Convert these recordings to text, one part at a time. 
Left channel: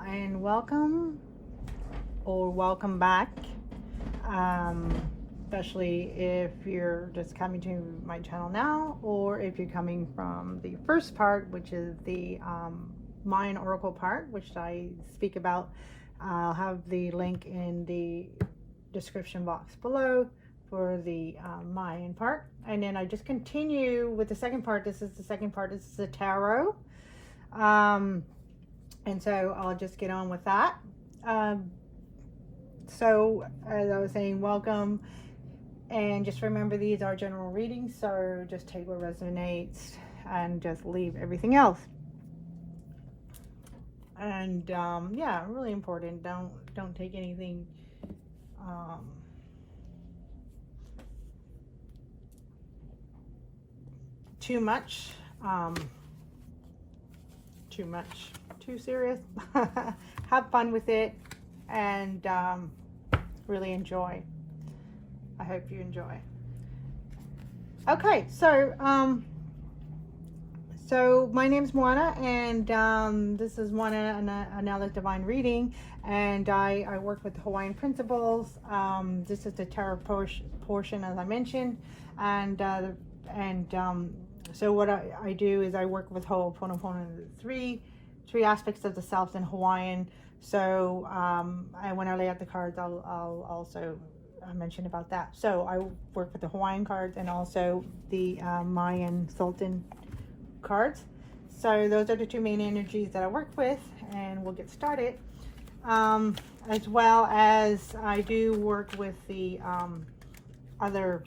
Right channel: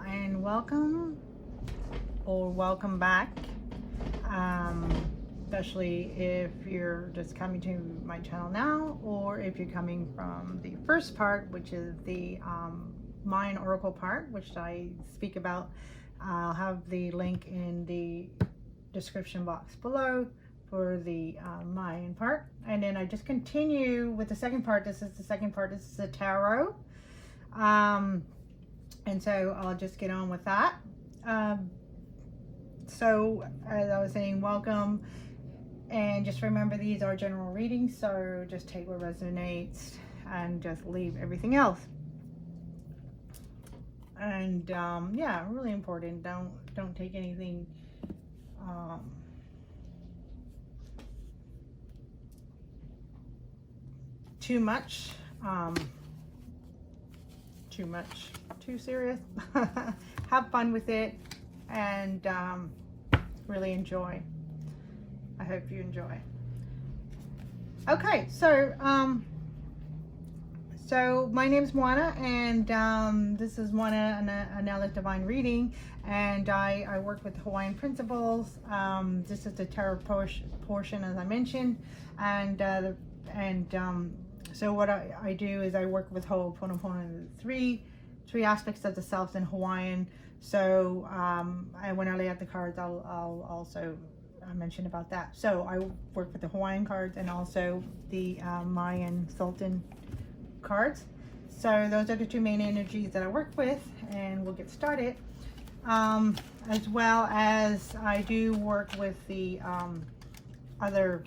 And welcome or welcome back, especially if you're just coming to my channel now, or if you're coming from the first part, which is the Mayan Oracle part, which I speak about. I'll have the link in the description box below for the Mayan part, and then I just continue with the second part. This is the second part. This is the tarot. And so I'll just get on with that. So as I was saying, welcome, and just remember these are general readings, so just take what resonates and just leave everything else. And yeah, really important. Don't take anything too much. Too serious. Have fun with it, and really enjoy. I hope you enjoy. Okay, so my name's Mogana, and this is Anela Divine Reading, and I work with Hawaiian principles. This is the tarot portion, as I mentioned, and so what I do is I work with Ho'oponopono, three aspects of the self in Hawaiian. So when I lay out the cards, I'll also mention about that. So I work with the Hawaiian cards and also the Mayan Sultan cards. So those are the two main energies that I work with, and we'll get started. As well as I do work with the other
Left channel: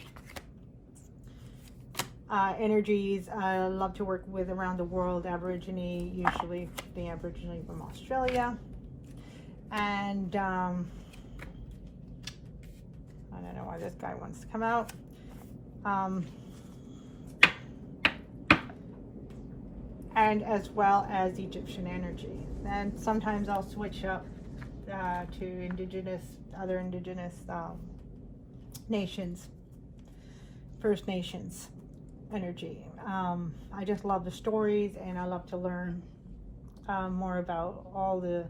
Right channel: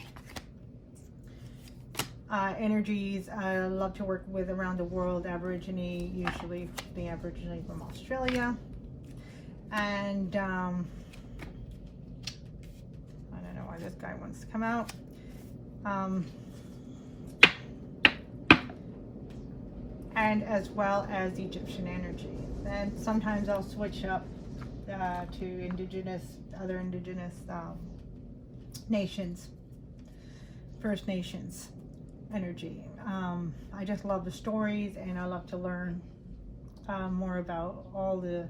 energies I love to work with around the world. Aborigine, usually the Aborigine from Australia, and I don't know why this guy wants to come out. And as well as Egyptian energy. And sometimes I'll switch up to other indigenous nations, First Nations energy. I just love the stories, and I love to learn more about all the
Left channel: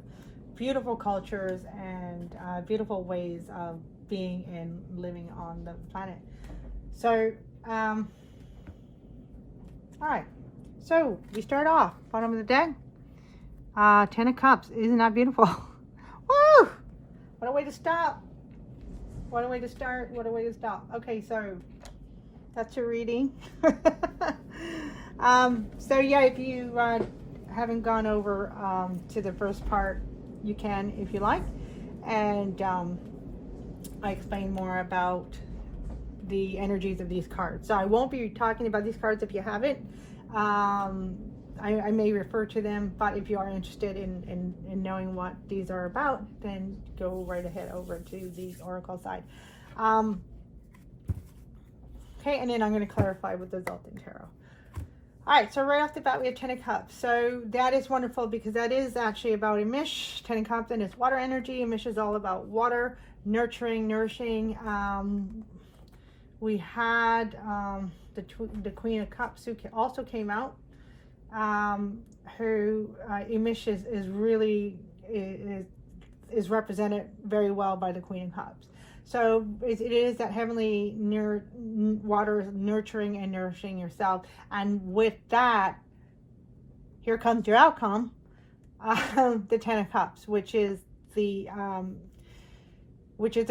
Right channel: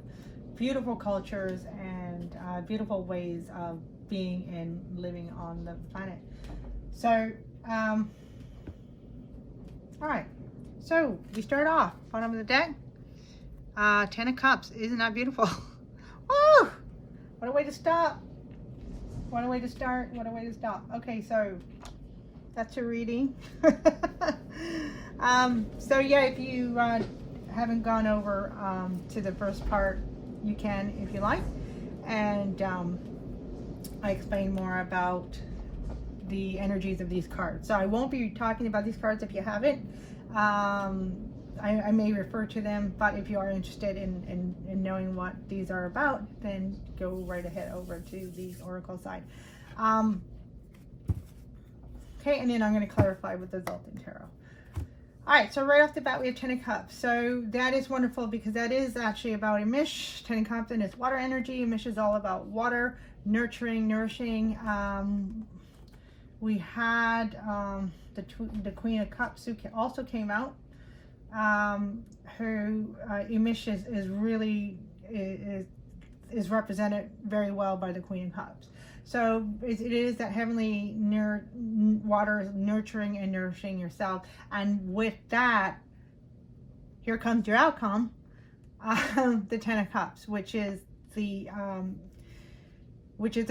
beautiful cultures and beautiful ways of being and living on the planet. So all right, so we start off bottom of the deck, 10 of Cups. Isn't that beautiful? Woo! What a way to stop. What a way to start. What a way to stop. Okay, so that's your reading. So yeah, if you haven't gone over to the first part, you can if you like, and I explain more about the energies of these cards. So I won't be talking about these cards if you haven't. I may refer to them, but if you are interested in knowing what these are about, then go right ahead over to the Oracle side. Okay, and then I'm going to clarify with the Zoltan Tarot. All right, so right off the bat, we have 10 of Cups. So that is wonderful because that is actually about Amish. 10 of Cups, and it's water energy. Amish is all about water, nurturing, nourishing. We had the Queen of Cups who also came out. Who Amish is really is represented very well by the Queen of Cups. So it is that heavenly water, nurturing and nourishing yourself. And with that, here comes your outcome, the 10 of Cups, which is the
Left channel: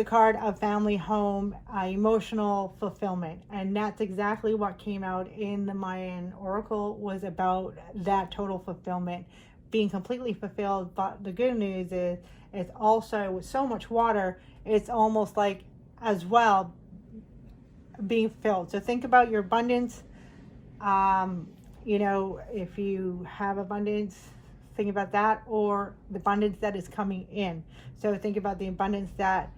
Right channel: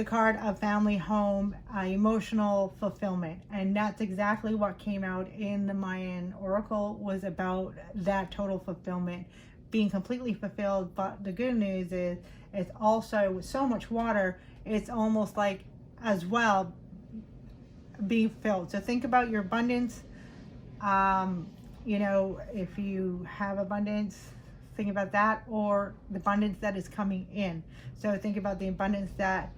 card of family, home, emotional fulfillment. And that's exactly what came out in the Mayan Oracle, was about that total fulfillment, being completely fulfilled. But the good news is, it's also with so much water, it's almost like as well being filled. So think about your abundance. You know, if you have abundance, think about that, or the abundance that is coming in. So think about the abundance that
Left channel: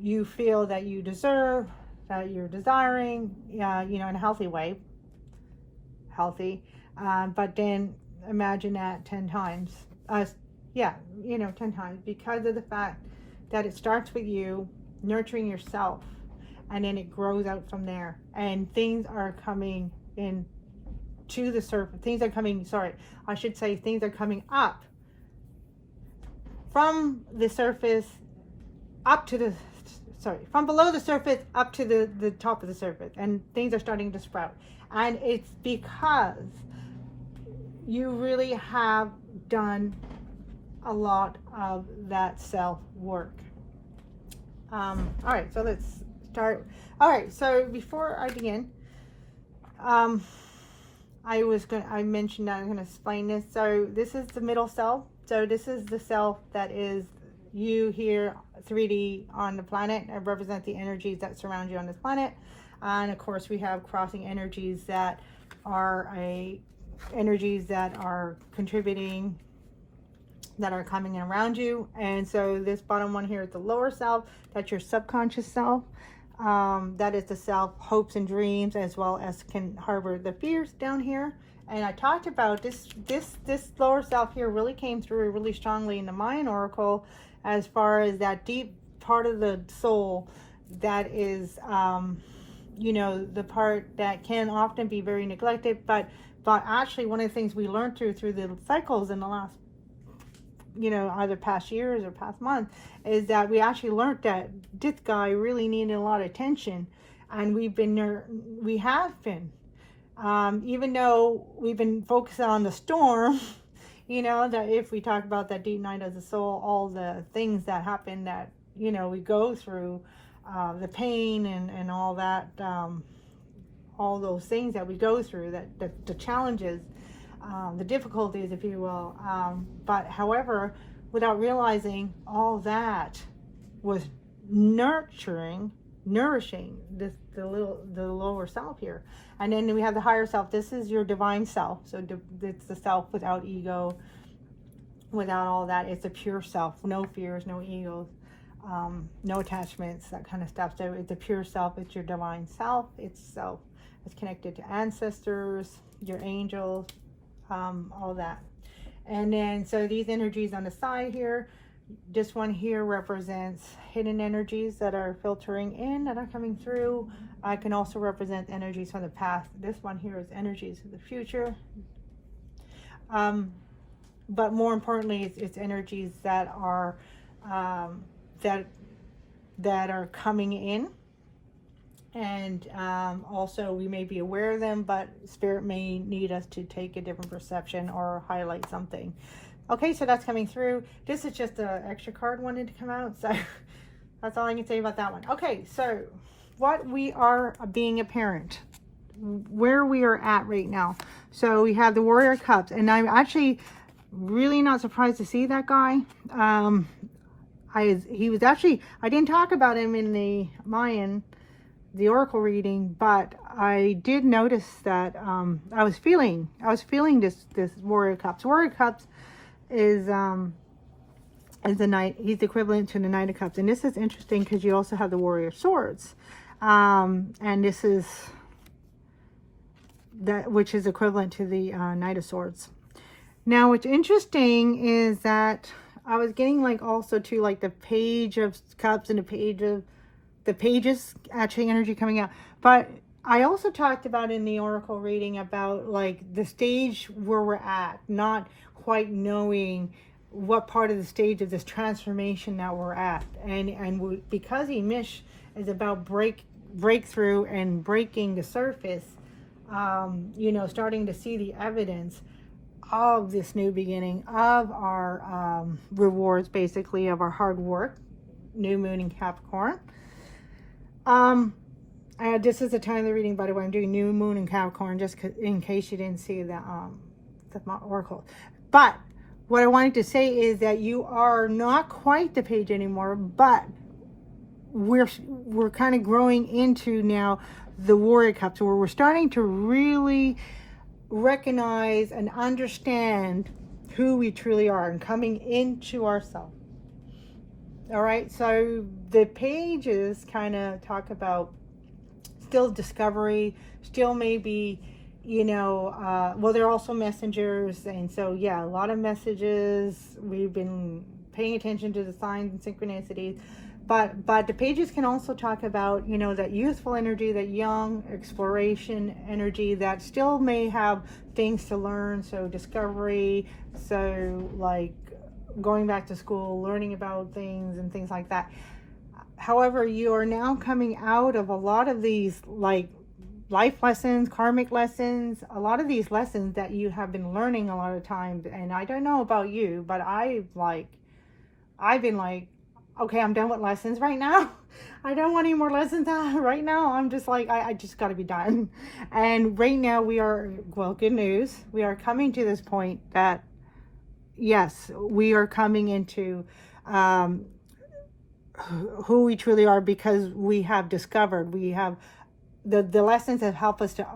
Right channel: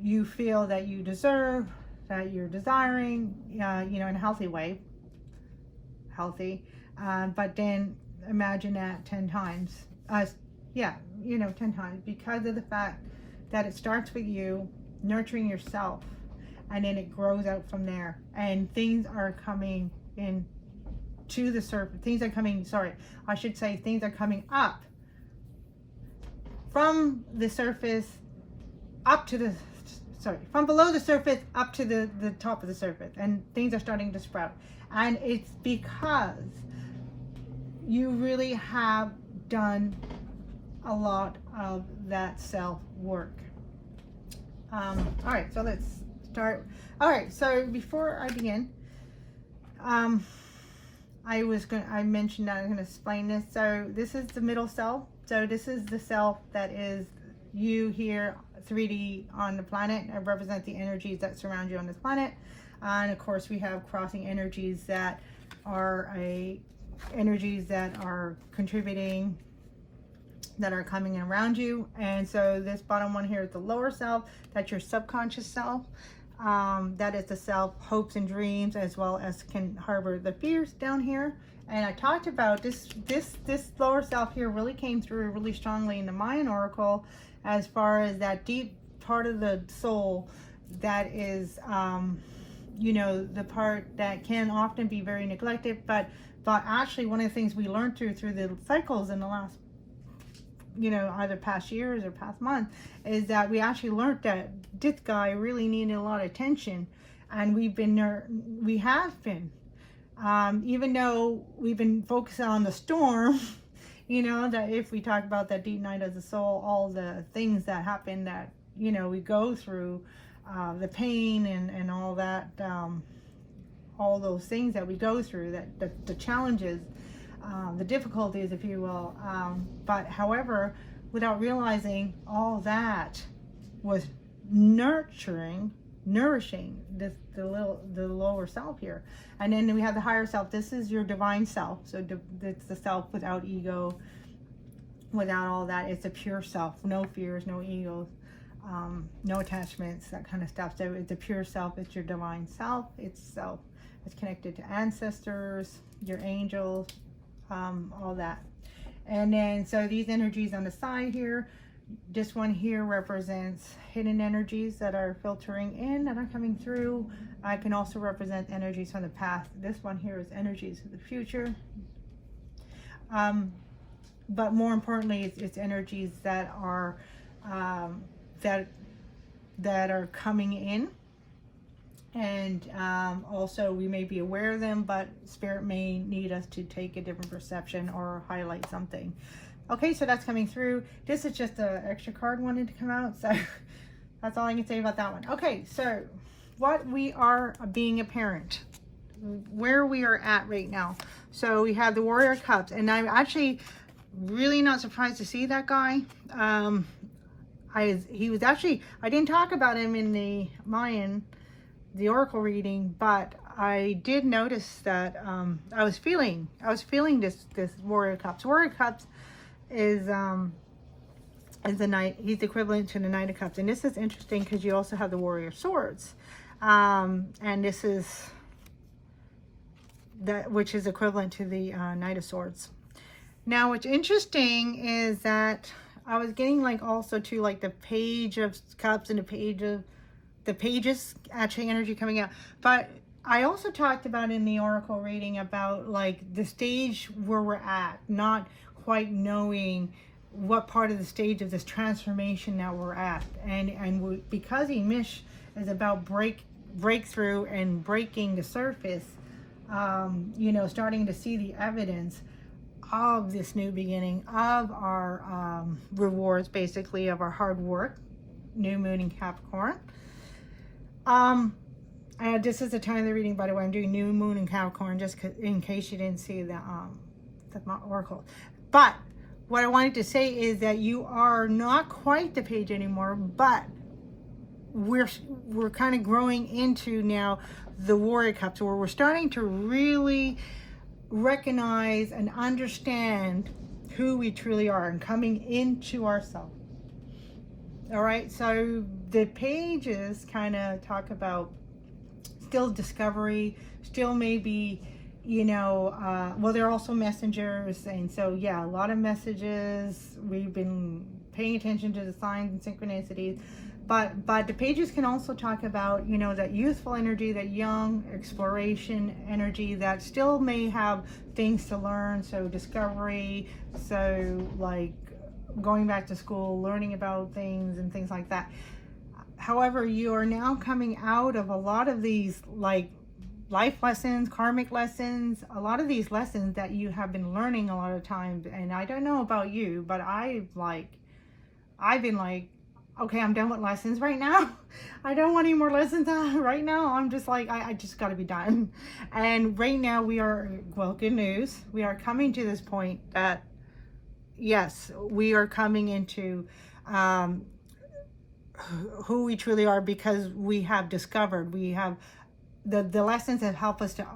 you feel that you deserve, that you're desiring, you know, in a healthy way. Healthy. But then imagine that 10 times. Yeah, you know, 10 times, because of the fact that it starts with you nurturing yourself, and then it grows out from there, and things are coming in to the surface. Things are coming, sorry, I should say things are coming up from the surface up to the, from below the surface up to the top of the surface, and things are starting to sprout. And it's because you really have done a lot of that self work. All right, so let's start. All right, so before I begin, I mentioned that I'm going to explain this. So this is the middle self. So this is the self that is you here, 3D on the planet. I represent the energies that surround you on this planet. And of course, we have crossing energies that are energies that are contributing, that are coming in around you. And so this bottom one here is the lower self. That's your subconscious self. That is the self, hopes and dreams, as well as can harbor the fears down here. And I talked about this lower self here really came through really strongly in the Mayan Oracle, as far as that deep part of the soul that is, you know, the part that can often be very neglected, but actually one of the things we learned through the cycles in the last, you know, either past years or past month, is that we actually learned that this guy really needed a lot of attention. And we have been, even though we've been focusing on the storm, you know, that if we talk about that deep night of the soul, all the things that happen that, you know, we go through, the pain and all that, all those things that we go through, that the challenges, the difficulties, if you will, but however, without realizing all that was nourishing the lower self here. And then we have the higher self. This is your divine self. So it's the self without ego, without all that. It's a pure self, no fears, no egos, no attachments, that kind of stuff. So it's a pure self. It's your divine self. It's self. It's connected to ancestors, your angels, all that. And then so these energies on the side here, this one here represents hidden energies that are filtering in, that are coming through. I can also represent energies from the past. This one here is energies of the future, but more importantly, it's energies that are that are coming in. And also we may be aware of them, but Spirit may need us to take a different perception or highlight something. Okay, so that's coming through. This is just an extra card wanted to come out, so that's all I can say about that one. Okay, so what we are being a parent, where we are at right now. So we have the Warrior of Cups, and I'm actually really not surprised to see that guy. He was actually, I didn't talk about him in the Mayan, the Oracle reading, but I did notice that I was feeling this Warrior of Cups. Warrior of Cups is the knight. He's equivalent to the Knight of Cups, and this is interesting because you also have the Warrior of Swords, and this is that which is equivalent to the Knight of Swords. Now, what's interesting is that I was getting like also to like the Page of Cups and the pages actually energy coming out. But I also talked about in the Oracle reading about like the stage where we're at, not quite knowing what part of the stage of this transformation that we're at. And because Emish is about breakthrough and breaking the surface, you know, starting to see the evidence of this new beginning, of our rewards, basically, of our hard work, new moon in Capricorn. This is the time of the reading, by the way. I'm doing new moon in Capricorn, just in case you didn't see the Oracle. But what I wanted to say is that you are not quite the page anymore, but we're kind of growing into now the Warrior Cups, where we're starting to really recognize and understand who we truly are and coming into ourselves. All right, so the pages kind of talk about still discovery, still maybe, you know, well, they're also messengers. And so, yeah, a lot of messages. We've been paying attention to the signs and synchronicities. But the pages can also talk about, you know, that youthful energy, that young exploration energy that still may have things to learn. So discovery, so like going back to school, learning about things and things like that. However, you are now coming out of a lot of these like life lessons, karmic lessons, a lot of these lessons that you have been learning a lot of times. And I don't know about you, but I've been like, okay, I'm done with lessons right now. I don't want any more lessons right now. I'm just like, I just got to be done. And right now we are, well, good news. We are coming to this point that, yes, we are coming into who we truly are, because we have discovered, we have the lessons that help us to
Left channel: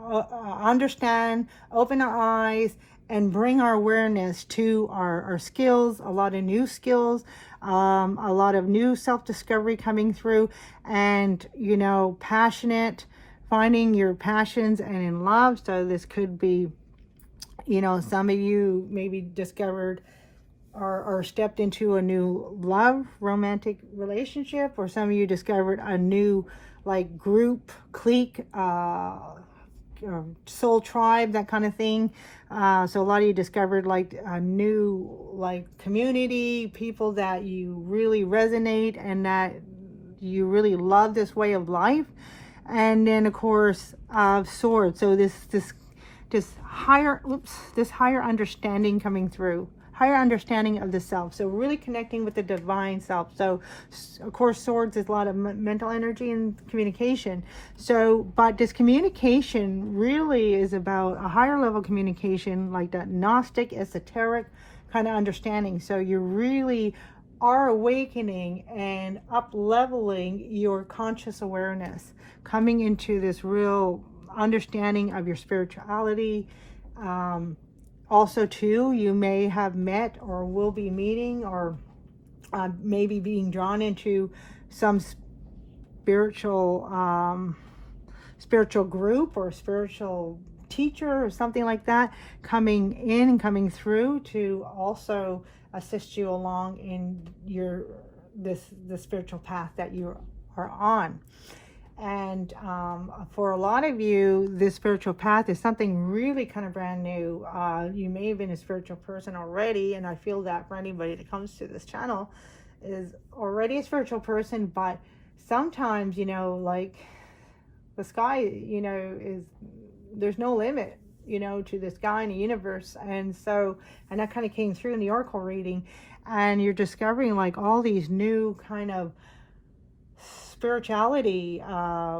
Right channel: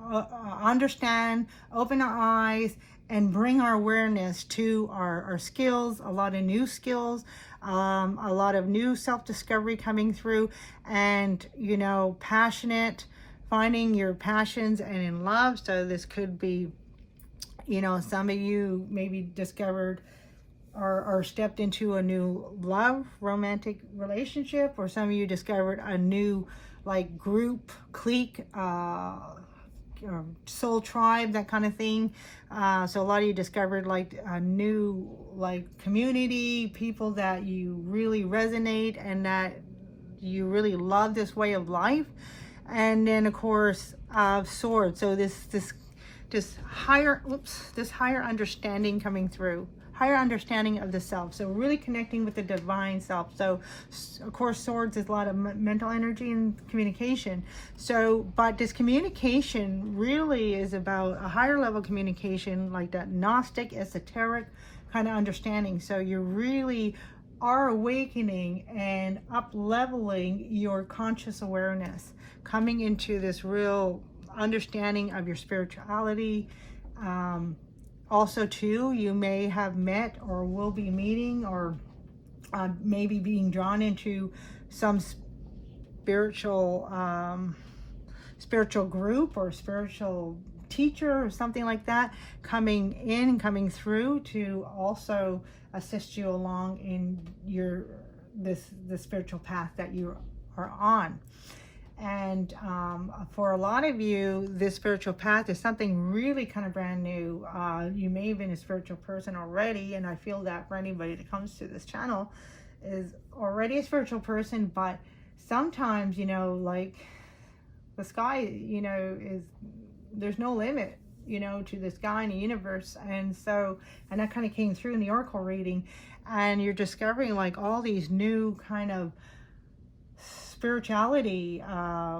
understand, open our eyes, and bring our awareness to our skills, a lot of new skills, a lot of new self-discovery coming through, and, you know, passionate, finding your passions and in love. So this could be, you know, some of you maybe discovered or stepped into a new love, romantic relationship, or some of you discovered a new like group, clique, soul tribe, that kind of thing. So a lot of you discovered like a new like community, people that you really resonate and that you really love this way of life. And then of course swords. So this higher understanding coming through, higher understanding of the self. So really connecting with the divine self. So of course swords is a lot of mental energy and communication. So but this communication really is about a higher level communication, like that Gnostic esoteric kind of understanding. So you really are awakening and up leveling your conscious awareness, coming into this real understanding of your spirituality. Also too, you may have met or will be meeting or maybe being drawn into some spiritual group or spiritual teacher or something like that, coming in and coming through to also assist you along in the spiritual path that you are on. And for a lot of you, this spiritual path is something really kind of brand new. You may have been a spiritual person already, and I feel that for anybody that comes to this channel is already a spiritual person, but sometimes, you know, like the sky, you know, there's no limit, you know, to the sky and the universe. And so, and that kind of came through in the oracle reading, and you're discovering like all these new kind of spirituality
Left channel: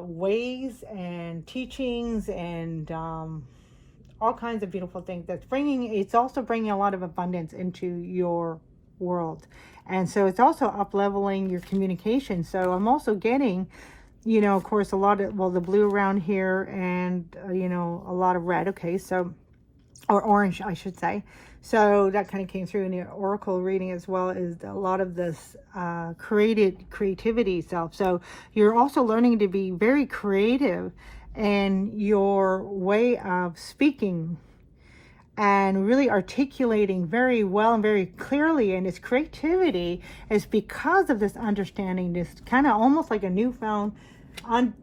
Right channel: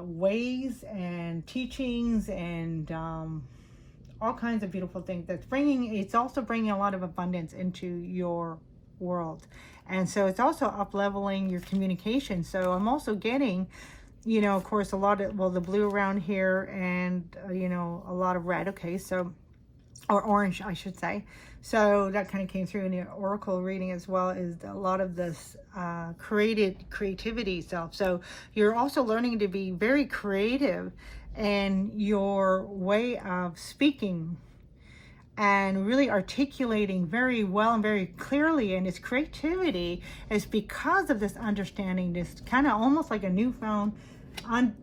ways and teachings and all kinds of beautiful things. It's also bringing a lot of abundance into your world. And so it's also up leveling your communication. So I'm also getting, you know, of course, a lot of, well, the blue around here and, you know, a lot of red. Okay. So, or orange, I should say. So that kind of came through in the oracle reading as well, is a lot of this creativity self. So you're also learning to be very creative in your way of speaking and really articulating very well and very clearly. And this creativity is because of this understanding, this kind of almost like a newfound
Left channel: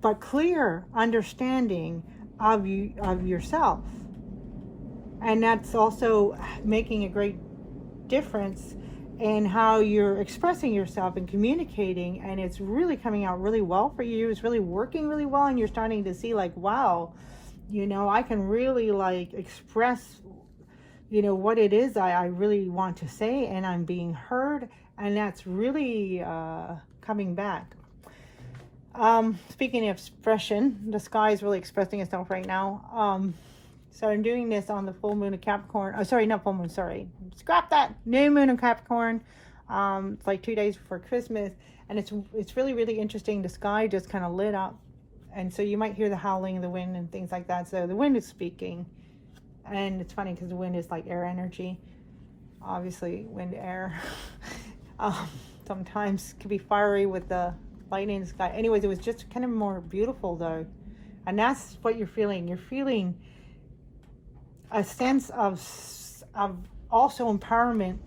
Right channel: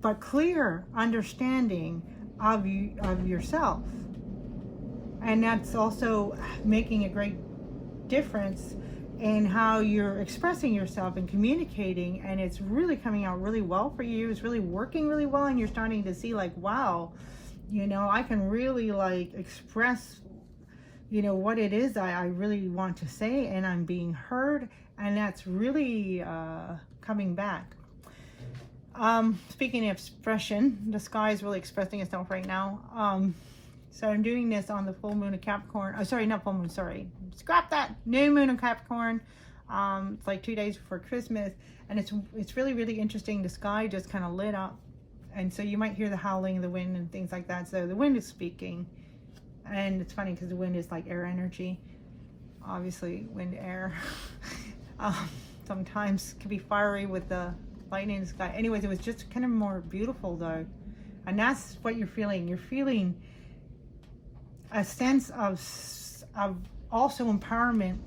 but clear understanding of yourself. And that's also making a great difference in how you're expressing yourself and communicating, and it's really coming out really well for you. It's really working really well, and you're starting to see like, wow, you know, I can really like express, you know, what it is I really want to say, and I'm being heard, and that's really coming back. Speaking of expression, the sky is really expressing itself right now. So I'm doing this on the full moon of Capricorn. Oh, sorry, not full moon, sorry. Scrap that. New moon of Capricorn. It's like 2 days before Christmas. And it's really, really interesting. The sky just kind of lit up. And so you might hear the howling of the wind and things like that. So the wind is speaking. And it's funny because the wind is like air energy. Obviously, wind, air. Sometimes it can be fiery with the lightning in the sky. Anyways, it was just kind of more beautiful though. And that's what you're feeling. You're feeling a sense of also empowerment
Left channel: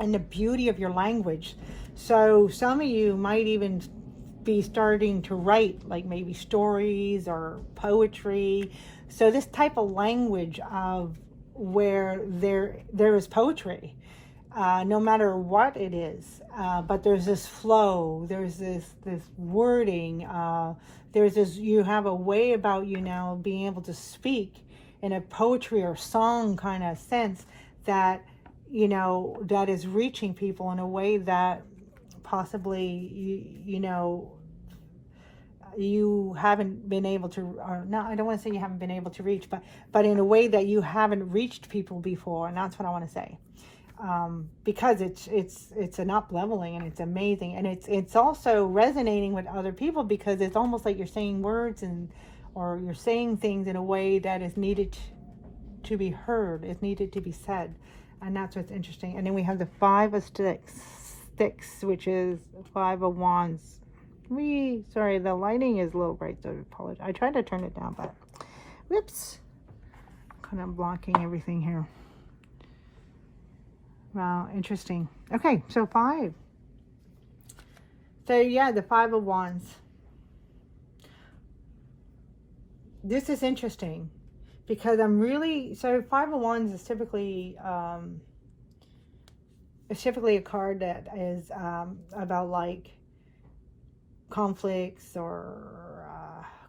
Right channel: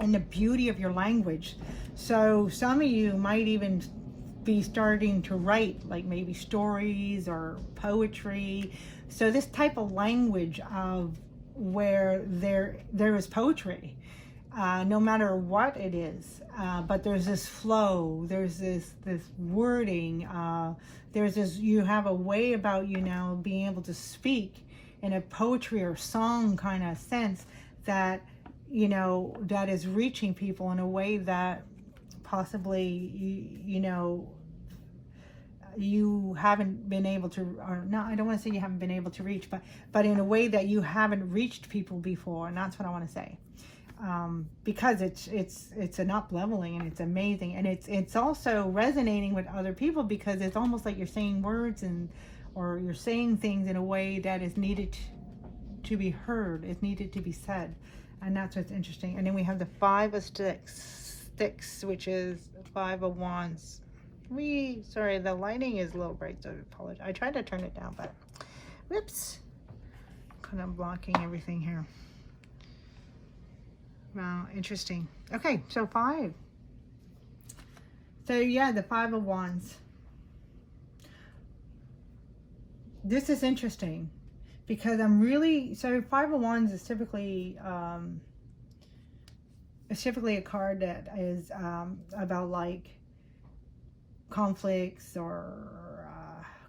and the beauty of your language. So some of you might even be starting to write like maybe stories or poetry. So this type of language of where there is poetry, no matter what it is. But there's this flow, there's this wording, there's this, you have a way about you now being able to speak in a poetry or song kind of sense that, you know, that is reaching people in a way that possibly, you know, you haven't been able to, or no, I don't want to say you haven't been able to reach, but in a way that you haven't reached people before. And that's what I want to say. Because it's an up leveling, and it's amazing, and it's also resonating with other people, because it's almost like you're saying words or you're saying things in a way that is needed to be heard, is needed to be said. And that's what's interesting. And then we have the 5 of sticks, which is 5 of wands. Sorry, the lighting is a little bright, so I apologize. I tried to turn it down, but whoops, kind of blocking everything here. Wow, interesting. Okay, so 5. So yeah, the 5 of wands. This is interesting because I'm really, so 5 of wands is typically a card that is about like conflicts or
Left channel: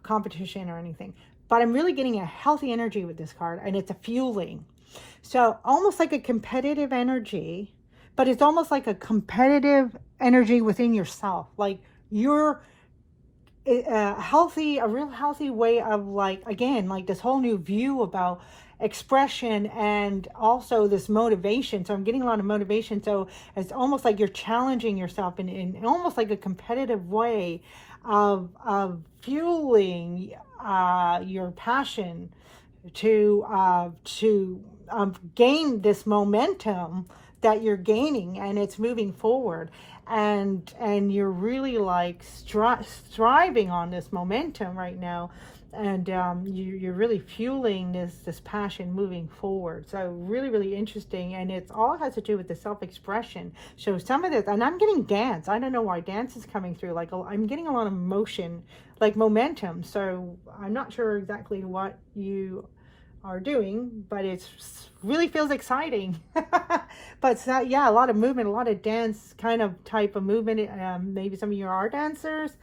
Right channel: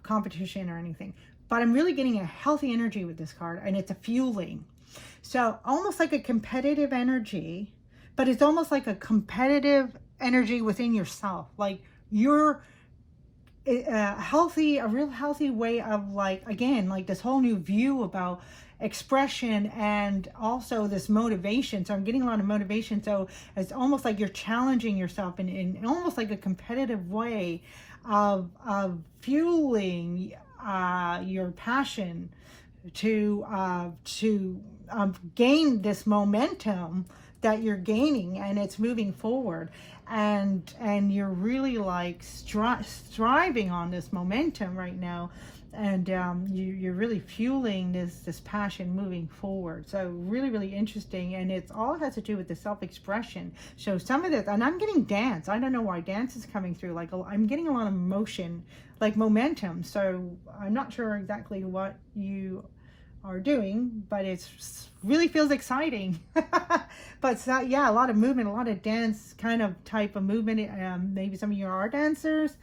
competition or anything. But I'm really getting a healthy energy with this card, and it's a fueling. So almost like a competitive energy, but it's almost like a competitive energy within yourself. Like you're a real healthy way of, like, again, like this whole new view about expression and also this motivation. So I'm getting a lot of motivation. So it's almost like you're challenging yourself in almost like a competitive way of fueling your passion to gain this momentum that you're gaining, and it's moving forward, and you're really like striving on this momentum right now, and you're really fueling this passion moving forward. So really interesting, and it's all has to do with the self-expression. So some of this, and I'm getting dance. I don't know why dance is coming through. Like I'm getting a lot of motion, like momentum. So I'm not sure exactly what you are doing, but it really feels exciting. But so, yeah, a lot of movement, a lot of dance kind of type of movement. Maybe some of you are dancers.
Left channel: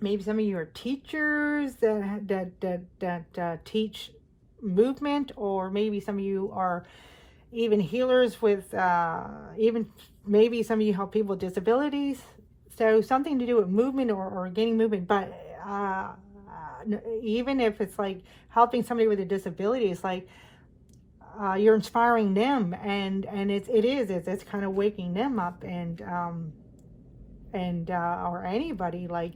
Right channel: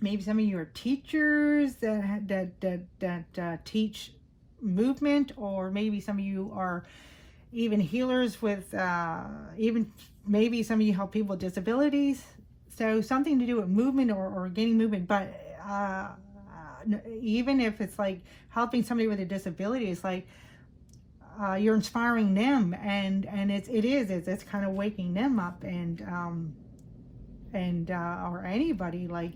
Maybe some of you are teachers that teach movement, or maybe some of you are even healers with even maybe some of you help people with disabilities. So something to do with movement or gaining movement. But even if it's like helping somebody with a disability, it's like you're inspiring them, and it's kind of waking them up, and or anybody, like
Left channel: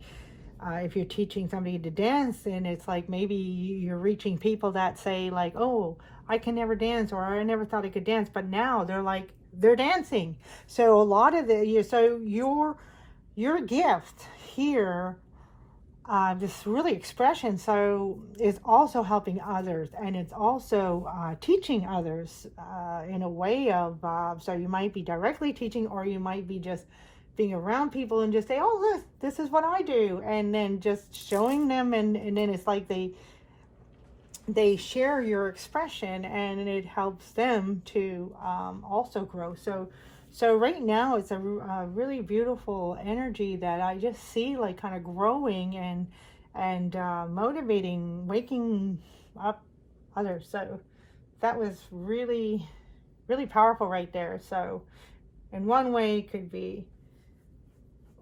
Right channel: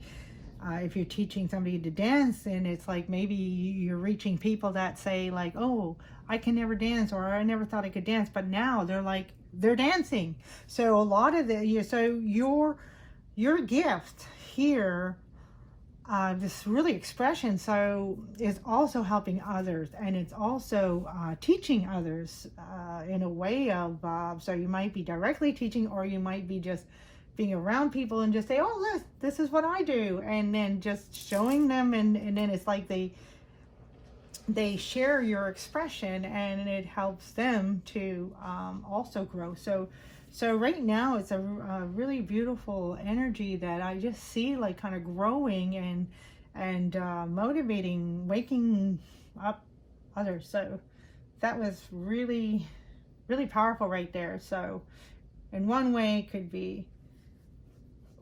if you're teaching somebody to dance, and it's like maybe you're reaching people that say like, oh, I can never dance, or I never thought I could dance, but now they're dancing. So a lot of your gift here, this really expression, so is also helping others, and it's also teaching others in a way of, so you might be directly teaching, or you might be just being around people and just say, oh, this is what I do, and then just showing them, and then it's like they share your expression, and it helps them to also grow. So right now it's a really beautiful energy that I just see like kind of growing and motivating, waking up others. So that was really powerful right there. So in one way it could be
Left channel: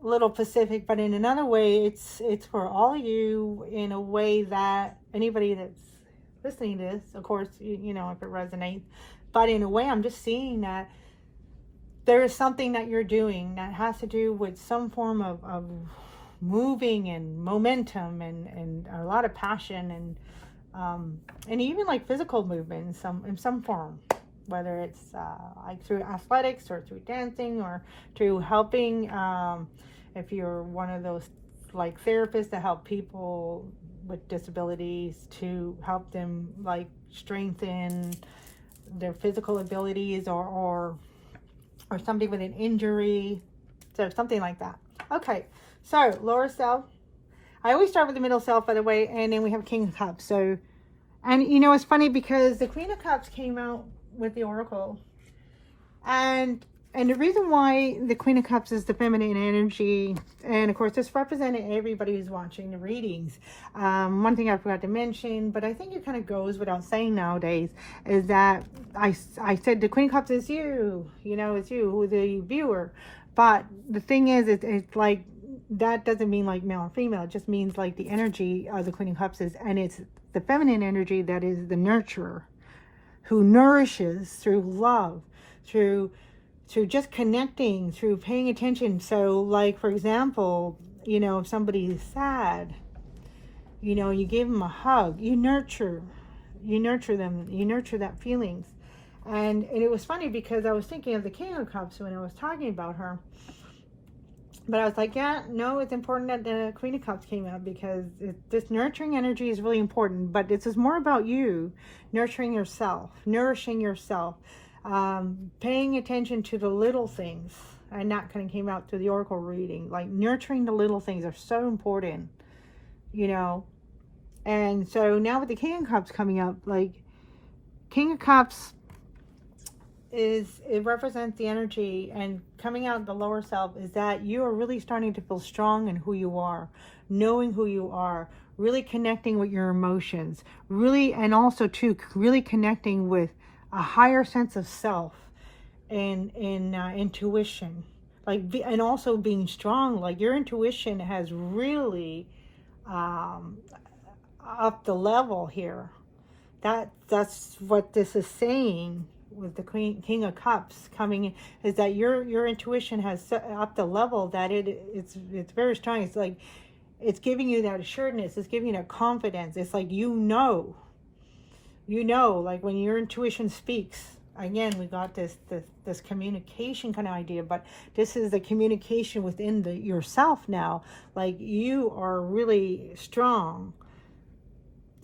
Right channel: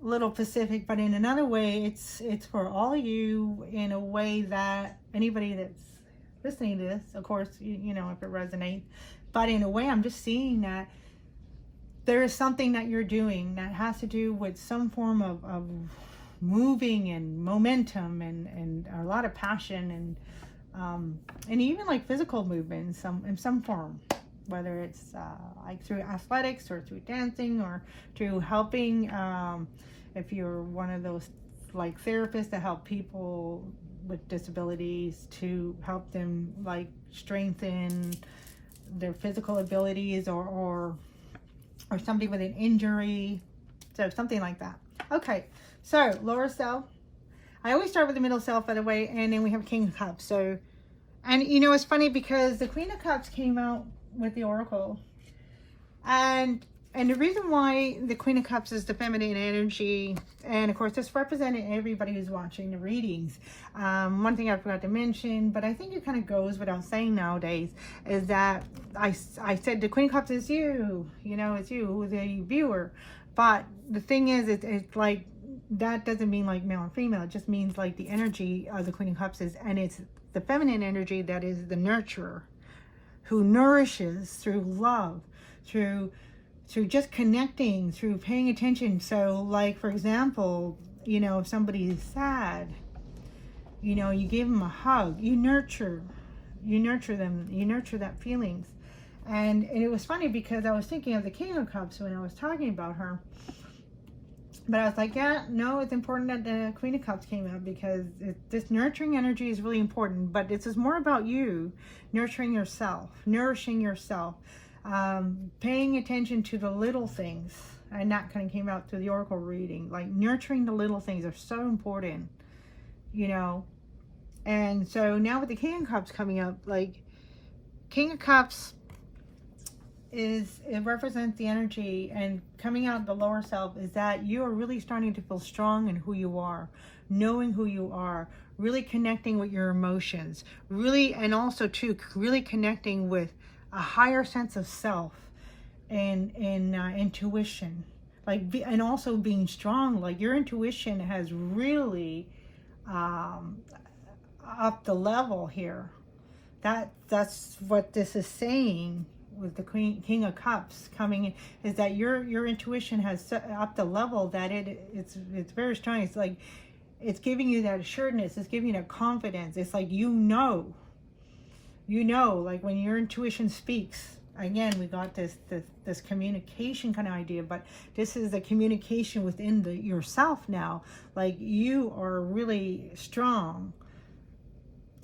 a little Pacific, but in another way it's for all you, in a way that anybody that's listening to this, of course, you know, if it resonates, but in a way I'm just seeing that there is something that you're doing that has to do with some form of moving and momentum and a lot of passion, and even like physical movement in some form, whether it's like through athletics or through dancing or through helping, if you're one of those like therapists that help people with disabilities, to help them like strengthen their physical abilities, or somebody with an injury, so something like that. Okay, so lower self. I always start with the middle self, by the way, and then we have King of Cups. So, and you know, it's funny because the Queen of Cups came out with the Oracle, And the reason why the Queen of Cups is the feminine energy, and of course this represented everybody who's watching the readings. One thing I forgot to mention, but I think it kind of goes without saying nowadays, is that I said the Queen of Cups is you, it's you, the viewer. But the thing is, it's like, that doesn't mean like male or female. It just means like the energy of the Queen of Cups is, and it's the feminine energy that is the nurturer, who nourishes through love, through just connecting, through paying attention. So like, for example, if somebody is sad, you give them a hug, you nurture them, you nurture that feelings. And it was funny because I was thinking of the King of Cups when I was talking about her. But I was like, yeah, no, it's important that the Queen of Cups came out, because this nurturing energy is really important. But this is more about you, nurturing yourself, nourishing yourself, paying attention to the little things. And that kind of came out through the Oracle reading. Like, nurturing the little things are so important, And so now with the King of Cups coming up, like, King of Cups it represents the energy, and coming out of the lower self is that you are really starting to feel strong in who you are, knowing who you are, really connecting with your emotions, really, and also too, really connecting with a higher sense of self and intuition, like, and also being strong. Like, your intuition has really upped the level here. That's what this is saying with the King of Cups coming in, is that your intuition has up the level that it's very strong. It's like, it's giving you that assuredness, it's giving you that confidence. It's like, like when your intuition speaks, again, we got this communication kind of idea, but this is the communication within yourself now. Like, you are really strong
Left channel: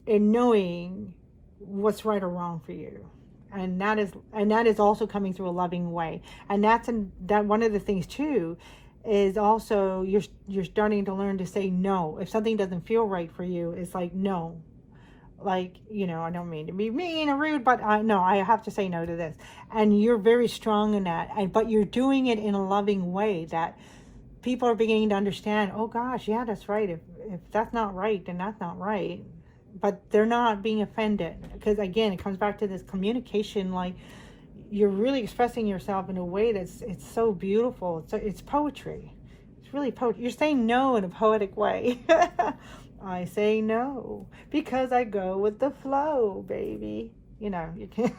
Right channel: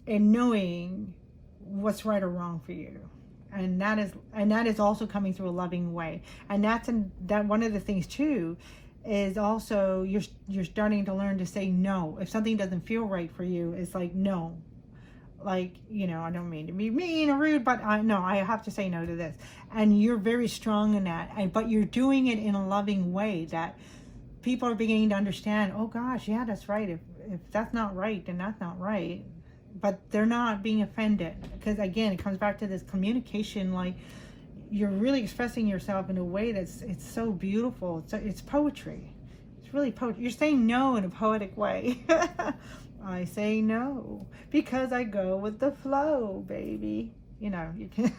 in knowing what's right or wrong for you. And that is also coming through a loving way. And that one of the things too is also you're starting to learn to say no. If something doesn't feel right for you, it's like, no. Like, I don't mean to be mean or rude, but no, I have to say no to this. And you're very strong in that. But you're doing it in a loving way that people are beginning to understand, oh gosh, yeah, that's right. If that's not right, then that's not right. But they're not being offended, because again, it comes back to this communication. Like, you're really expressing yourself in a way it's so beautiful. It's poetry. It's really poetry. You're saying no in a poetic way. I say no because I go with the flow, baby. You can.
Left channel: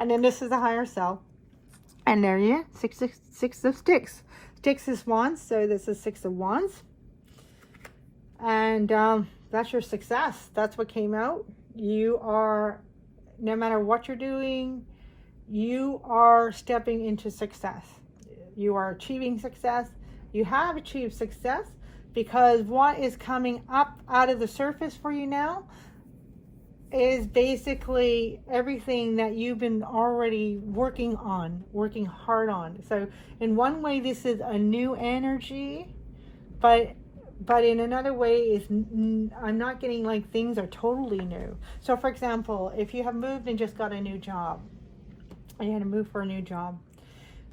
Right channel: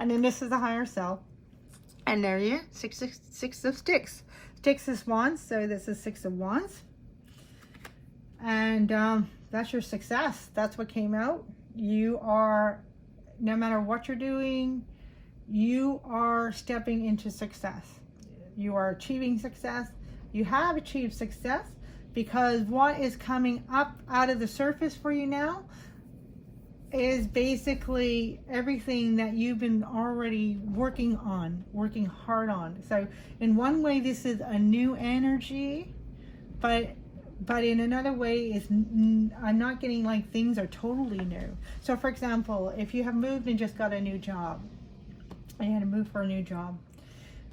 And then this is a higher self, and there you six of sticks. Sticks is wands, so this is 6 of wands, and that's your success. That's what came out. You are, no matter what you're doing, you are stepping into success. You are achieving success. You have achieved success, because what is coming up out of the surface for you now is basically everything that you've been already working hard on. So in one way, this is a new energy, but in another way, I'm not getting like things are totally new. So for example, if you have moved and just got a new job, and you had to move for a new job,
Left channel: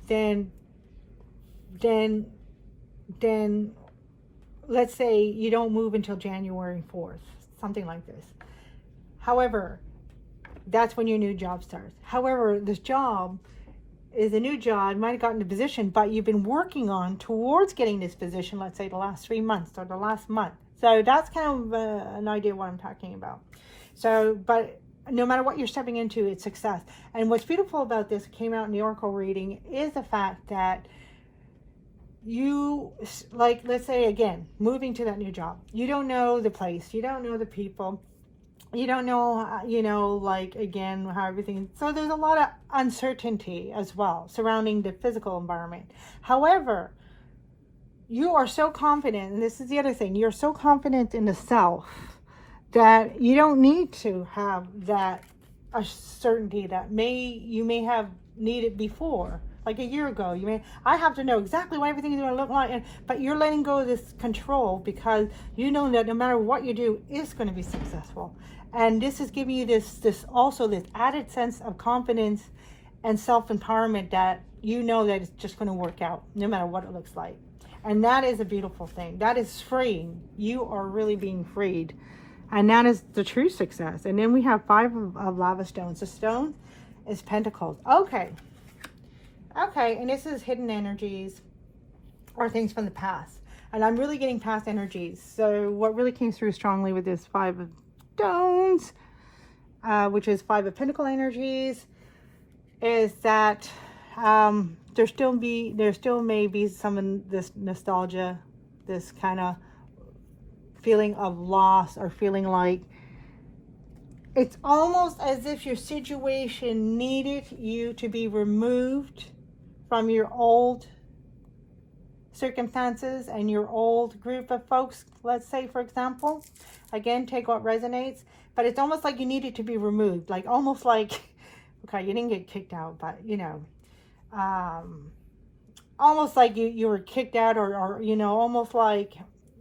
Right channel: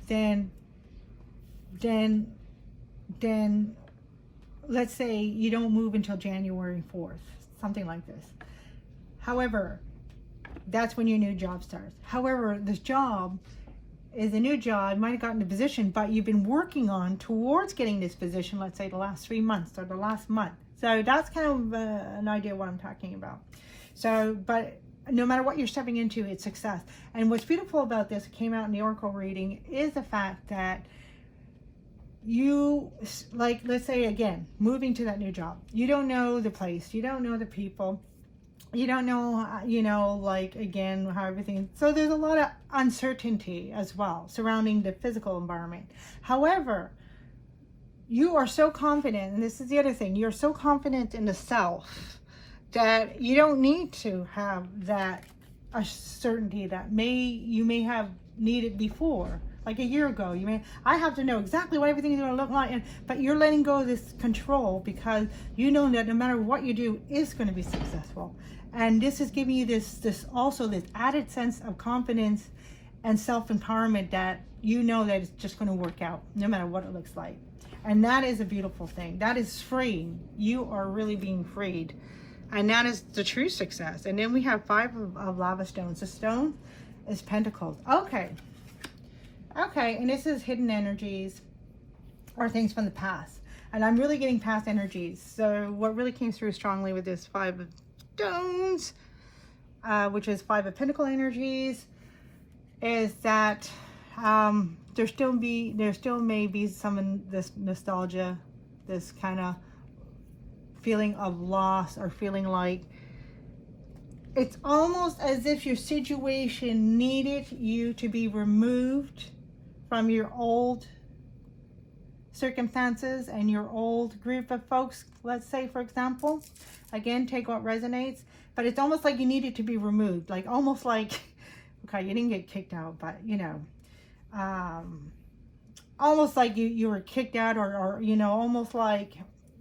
then let's say you don't move until January 4th, something like this. However, that's when your new job starts. However, this job is a new job. You might have gotten the position, but you've been working on towards getting this position, let's say the last 3 months or the last month. So that's kind of an idea of what I'm talking about. So, but no matter what you're stepping into, it's success. And what's beautiful about this, came out in the Oracle reading, is the fact that you, like, let's say again, moving to that new job. You don't know the place. You don't know the people. You don't know, like, again, how everything, so there's a lot of uncertainty as well surrounding the physical environment. However, you are so confident, and this is the other thing, you're so confident in the self that you don't need to have that certainty that you may have needed before. Like a year ago, I have to know exactly what everything is going to look like, but you're letting go of this control, because you know that no matter what you do, it's going to be successful. And this is giving you this added sense of confidence and self-empowerment that you know that it's just going to work out no matter what it looks like. And that is a beautiful thing. That is freeing. You are really being freed. And that is the true success. And then we have 5 of lava stones. The stone is pentacles. Okay. Okay, and this is hidden energies or things from the past. And I'm really getting past energies. So what really came through strongly with this 5 of stones, which is 5 of pentacle energies, is that there still may be some of this nostalgia, this kind of feeling of loss, or feeling like it's almost as if your situation needed you to be removed from your old circumstances and your old group of folks. Let's say, for example, again, take what resonates, but it's almost like you needed to be removed, like almost like, okay, you didn't get kicked out, but you know, almost like you were kicked out, or you know, almost like,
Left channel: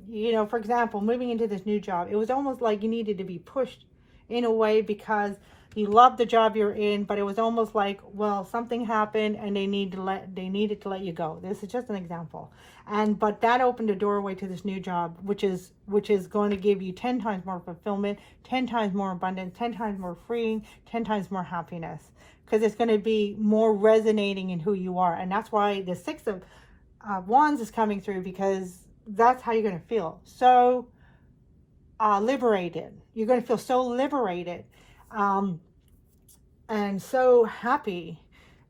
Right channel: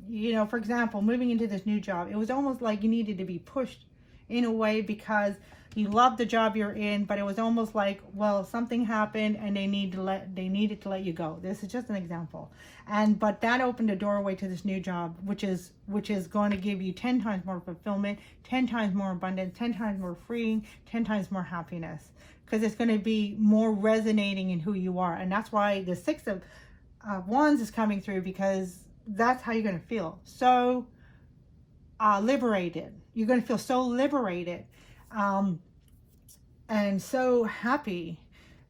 you know, for example, moving into this new job, it was almost like you needed to be pushed in a way because you loved the job you're in, but it was almost like, well, something happened and they needed to let you go. This is just an example. But that opened a doorway to this new job, which is going to give you 10 times more fulfillment, 10 times more abundance, 10 times more freeing, 10 times more happiness, because it's going to be more resonating in who you are. And that's why the 6 of Wands is coming through, because that's how you're going to feel. So liberated. You're going to feel so liberated and so happy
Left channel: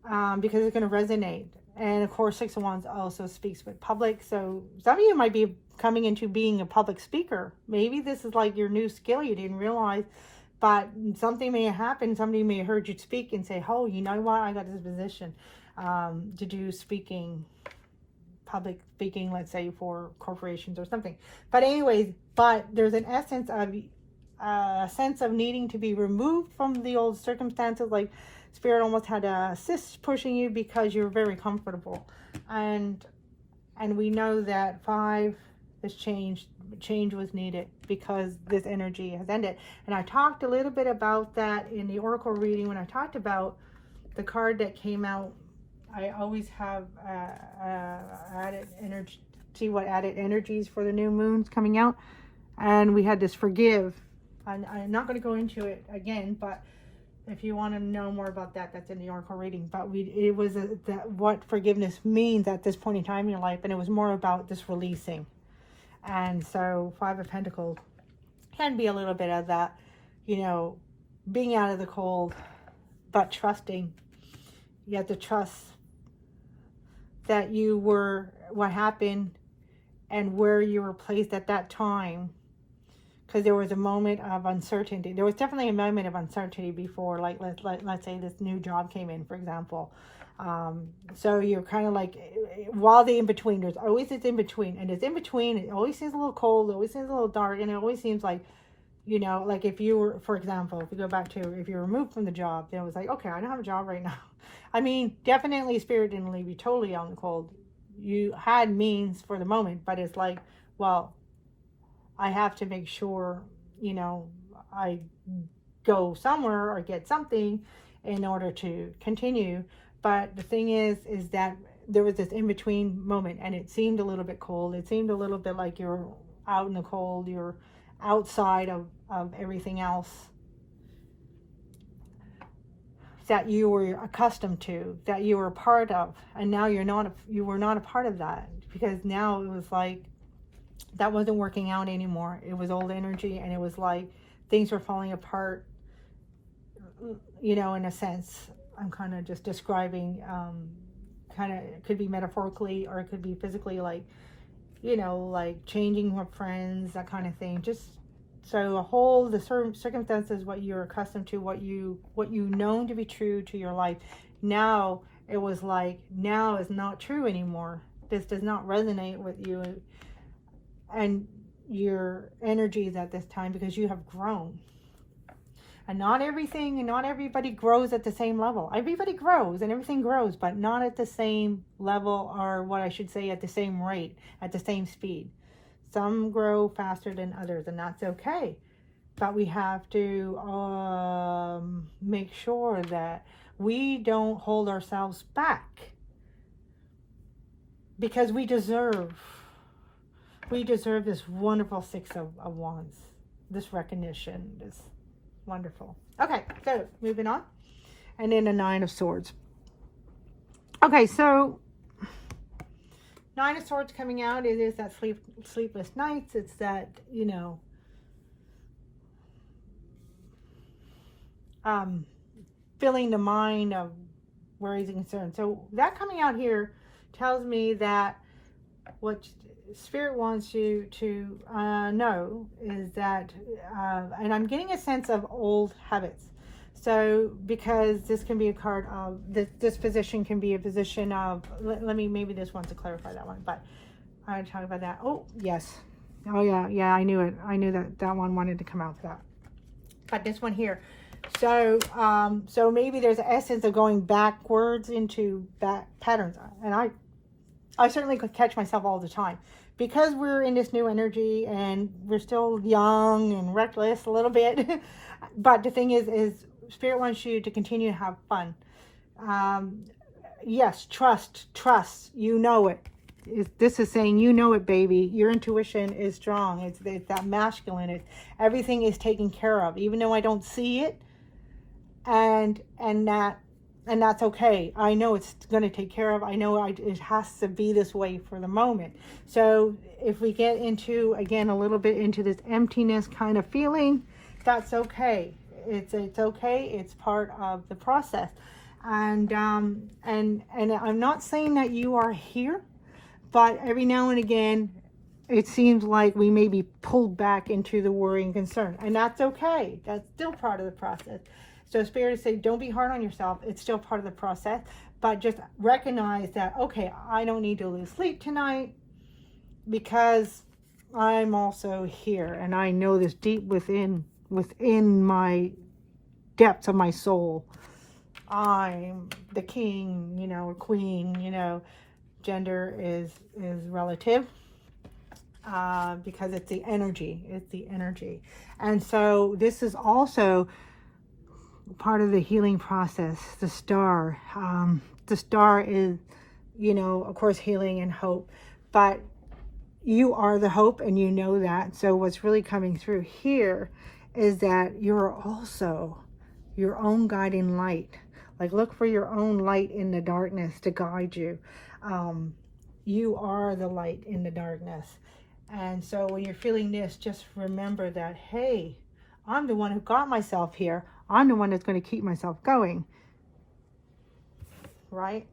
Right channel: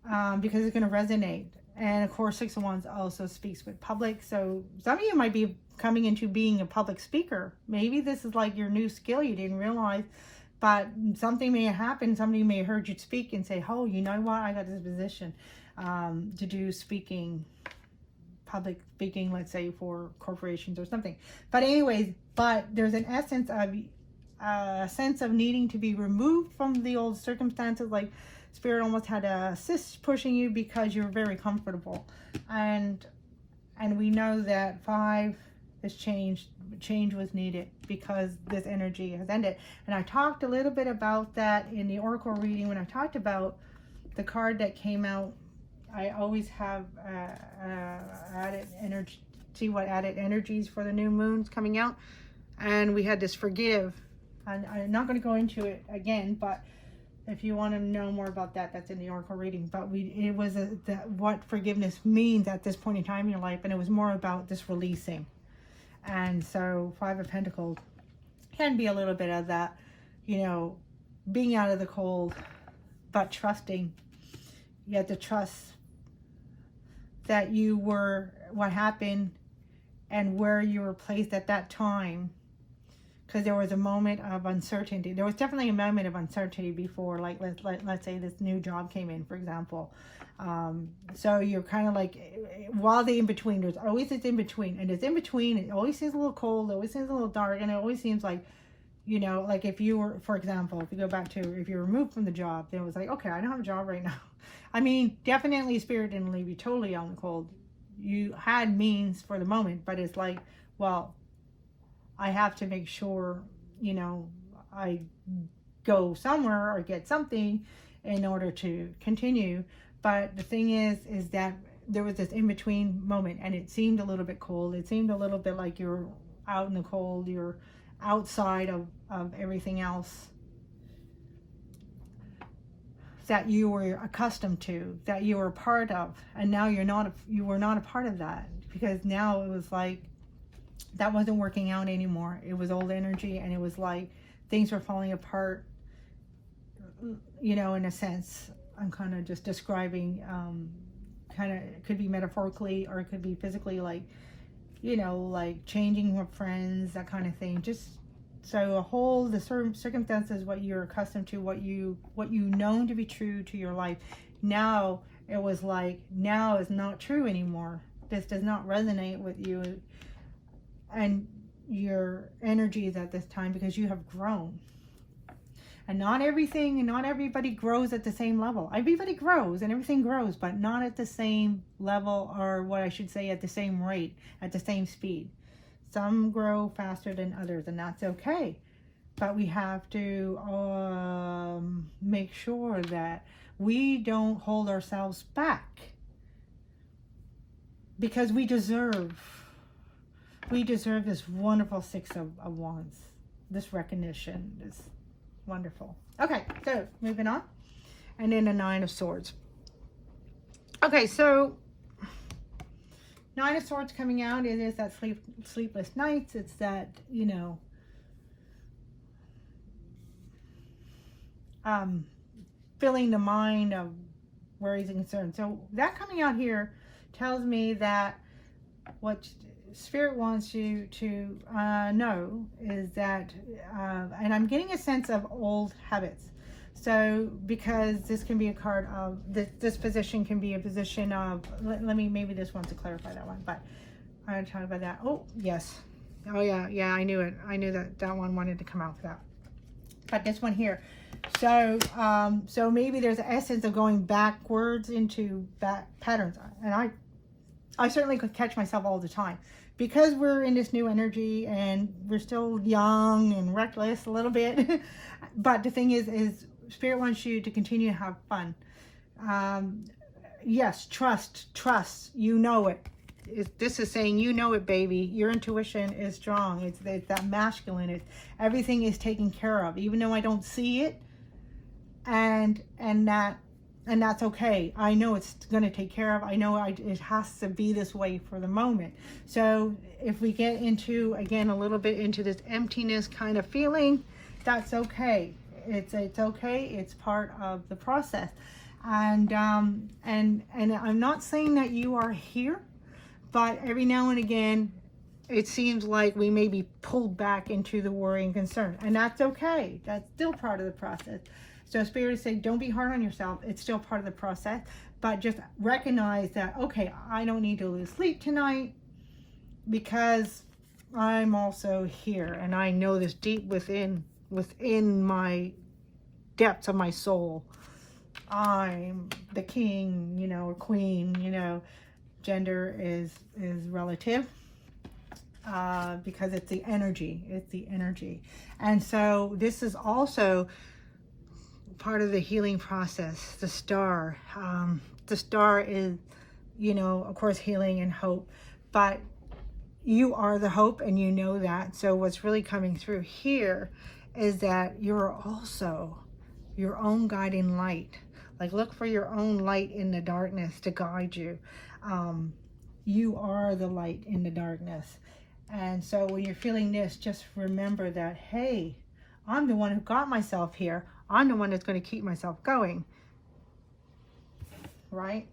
because it's going to resonate. And of course, 6 of Wands also speaks with public. So some of you might be coming into being a public speaker. Maybe this is like your new skill you didn't realize, but something may have happened. Somebody may have heard you speak and say, oh, you know what? I got this position to do speaking, public speaking, let's say for corporations or something. But anyways, but there's an essence of a sense of needing to be removed from the old circumstances, like spirit almost had a assist pushing you because you're very comfortable. And we know that 5, this change was needed because this energy has ended. And I talked a little bit about that in the oracle reading when I talked about the card that came out. I always have added energy, see what added energies for the new moons coming out. And we had this forgive. And I'm not going to go into it again, but if you want to know more about that, that's in the oracle reading. But it was what forgiveness means at this point in time in your life, and it was more about this releasing. And so 5 of Pentacles can be a little bit of that, you know, being out of the cold, but trusting. You have to trust that you were what happened and where you were placed at that time. Because there was a moment of uncertainty. There was definitely a moment of uncertainty before, like let's say this new job came in, for example. So you're kind of like, while the in-between, there's always this in-between. And this in-between, it always seems a little cold, it always seems a little dark, and it always seems like, you know, like if you were, for example, if you go back to, if you're removed from the job, then it was like, okay, I don't have a job right now. I mean, definitely Spirit didn't leave you totally out in the cold. You had means for the moment, but it's like, well, I have to make sure, you know, I go somewhere or get something in order to continue. But the thing is that there was this in-between moment, and it seemed a little bit cold. It seemed a little bit like you're out in the cold. You're outside of everything else that you were accustomed to, that you were a part of. And now you were not a part of that, because now it was like, that wasn't working out anymore. It was old energy, and it was like things were falling apart, you know, in a sense. I'm kind of just describing, kind of, it could be metaphorically or it could be physically, like, you know, like changing with friends, that kind of thing. Just so the certain circumstances, what you're accustomed to, what you known to be true to your life, now it was like, now is not true anymore. This does not resonate with you and your energies at this time, because you have grown. And not everything and not everybody grows at the same level. Everybody grows and everything grows, but not at the same level, or what I should say, at the same rate, at the same speed. Some grow faster than others, and that's okay. But we have to make sure that we don't hold ourselves back, because we deserve this wonderful Six of Wands, this recognition, this wonderful. Okay, so moving on. And then the Nine of Swords. Okay, so Nine of Swords coming out, it is that sleepless nights. It's that, you know, filling the mind of worries and concerns. So that coming out here tells me that what Spirit wants you to know is that, and I'm getting a sense of old habits. So, because this can be a card of, this position can be a position of, let me, maybe this one to clarify that one, but I talked about that. Oh, yes. Oh, yeah, I knew it. I knew that one wanted to come out for that. But this one here. So, so maybe there's an essence of going backwards into patterns. And I certainly could catch myself all the time. Because we're in this new energy and we're still young and reckless a little bit. But the thing is Spirit wants you to continue to have fun. Yes, trust, you know it. This is saying, you know it, baby. Your intuition is strong. It's that masculine. Everything is taken care of, even though I don't see it. And that's okay. I know it's going to take care of. I know it has to be this way for the moment. So if we get into, again, a little bit into this emptiness kind of feeling, that's okay. It's okay. It's part of the process. And I'm not saying that you are here, but every now and again, it seems like we may be pulled back into the worry and concern, and that's okay. That's still part of the process. So Spirit is saying, don't be hard on yourself. It's still part of the process, but just recognize that, okay, I don't need to lose sleep tonight because I'm also here, and I know this deep within my depths of my soul. I'm the king, you know, queen, you know. Gender is relative because it's the energy. And so this is also part of the healing process. The star is, you know, of course, healing and hope, but you are the hope, and you know that. So what's really coming through here is that you're also your own guiding light. Like, look for your own light in the darkness to guide you. You are the light in the darkness. And so when you're feeling this, just remember that, hey, I'm the one who got myself here. I'm the one that's going to keep myself going. Right?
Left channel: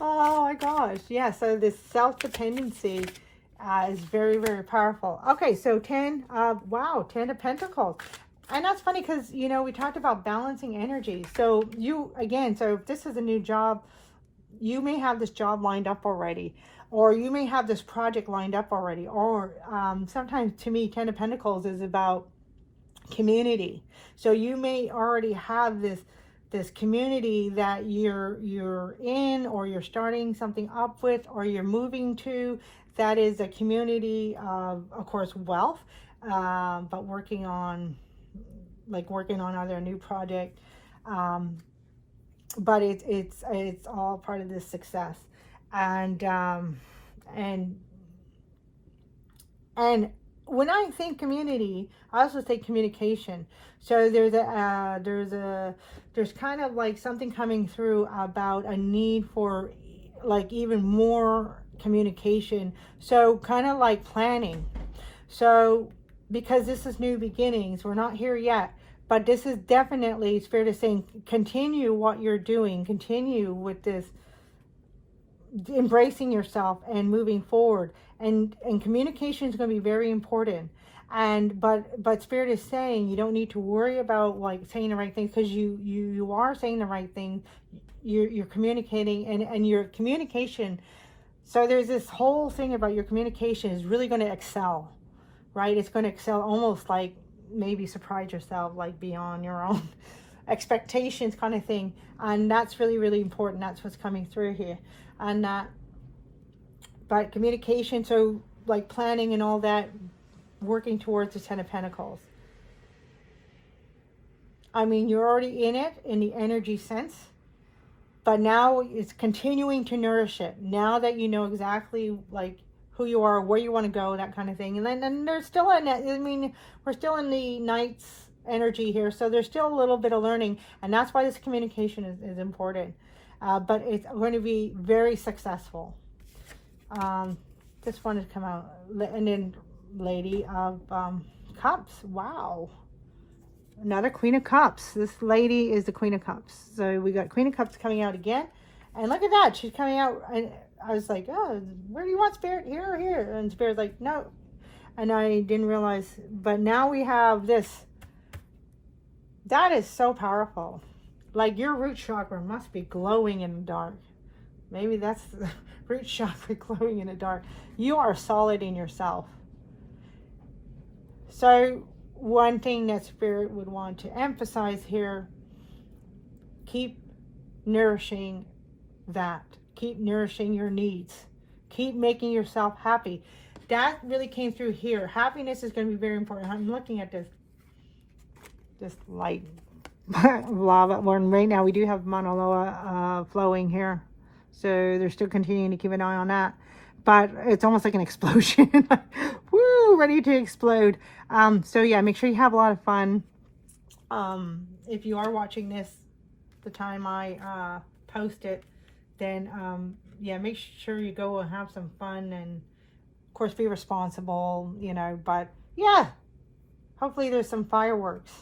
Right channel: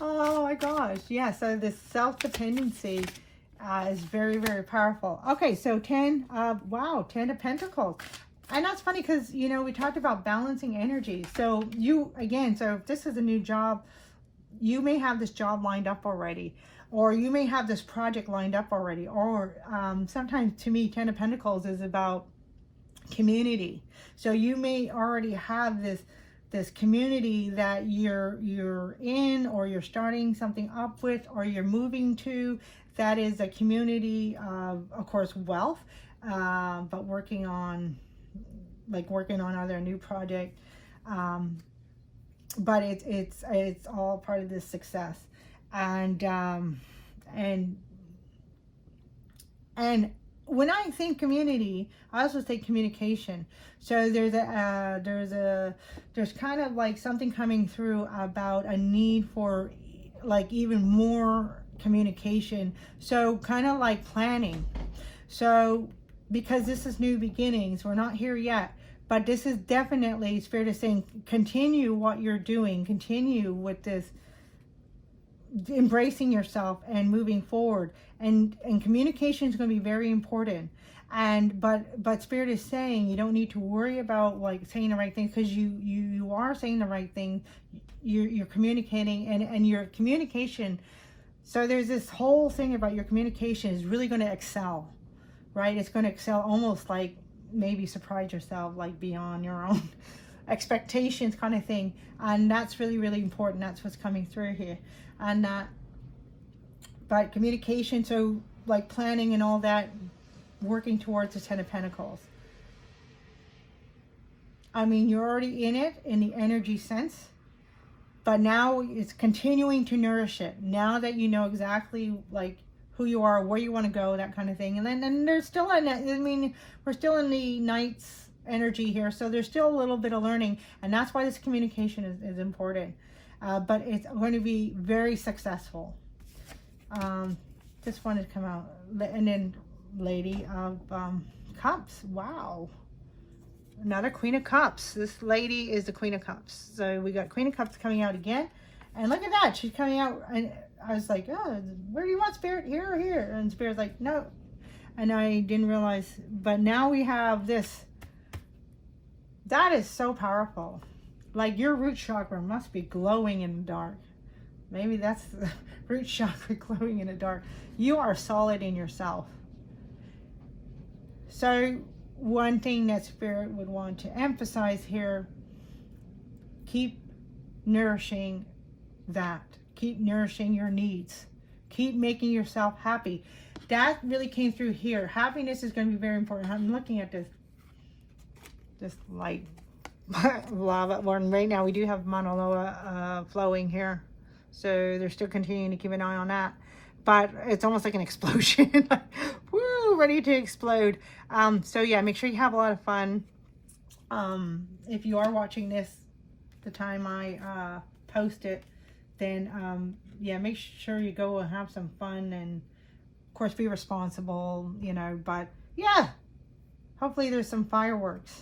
Oh my gosh. Yeah, so this self-dependency is very, very powerful. Okay, so 10 of Pentacles. And that's funny because, you know, we talked about balancing energy. So you, again, so if this is a new job, you may have this job lined up already, or you may have this project lined up already, or sometimes, to me, 10 of Pentacles is about community. So you may already have this community that you're in, or you're starting something up with, or you're moving to, that is a community of course, wealth, but working on other new project, but it's all part of this success. And when I think community, I also think communication. So there's kind of like something coming through about a need for like even more communication. So kind of like planning. So because this is new beginnings, we're not here yet, but this is definitely, Spirit is saying, continue what you're doing, continue with this, embracing yourself and moving forward. And communication is going to be very important. And but Spirit is saying you don't need to worry about like saying the right thing, because you are saying the right thing. You're communicating, and your communication. So there's this whole thing about your communication is really going to excel, right? It's going to excel, almost like maybe surprise yourself, like beyond your own expectations kind of thing. And that's really, really important. That's what's coming through here. And but communication, so like planning and all that, working towards the 10 of Pentacles. I mean, you're already in it in the energy sense, but now it's continuing to nourish it. Now that you know exactly like who you are, where you want to go, that kind of thing. And then there's still in that. I mean, we're still in the night's energy here, so there's still a little bit of learning, and that's why this communication is important. But it's going to be very successful. Just wanted to come out, and then Lady of Cups. Wow. Another Queen of Cups. This lady is the Queen of Cups. So we got Queen of Cups coming out again. And look at that. She's coming out. And I was like, oh, where do you want Spirit? Here or here? And Spirit's like, no. And I didn't realize. But now we have this. That is so powerful. Like your root chakra must be glowing in the dark. Maybe that's the root chakra glowing in the dark. You are solid in yourself. So one thing that Spirit would want to emphasize here, keep nourishing that. Keep nourishing your needs. Keep making yourself happy. That really came through here. Happiness is going to be very important. I'm looking at this light lava one right now. We do have Mauna Loa flowing here. So they're still continuing to keep an eye on that. But it's almost like an explosion. Woo, ready to explode. So yeah, make sure you have a lot of fun. If you are watching this the time I post it, then yeah, make sure you go and have some fun, and of course be responsible, you know. But yeah, hopefully there's some fireworks.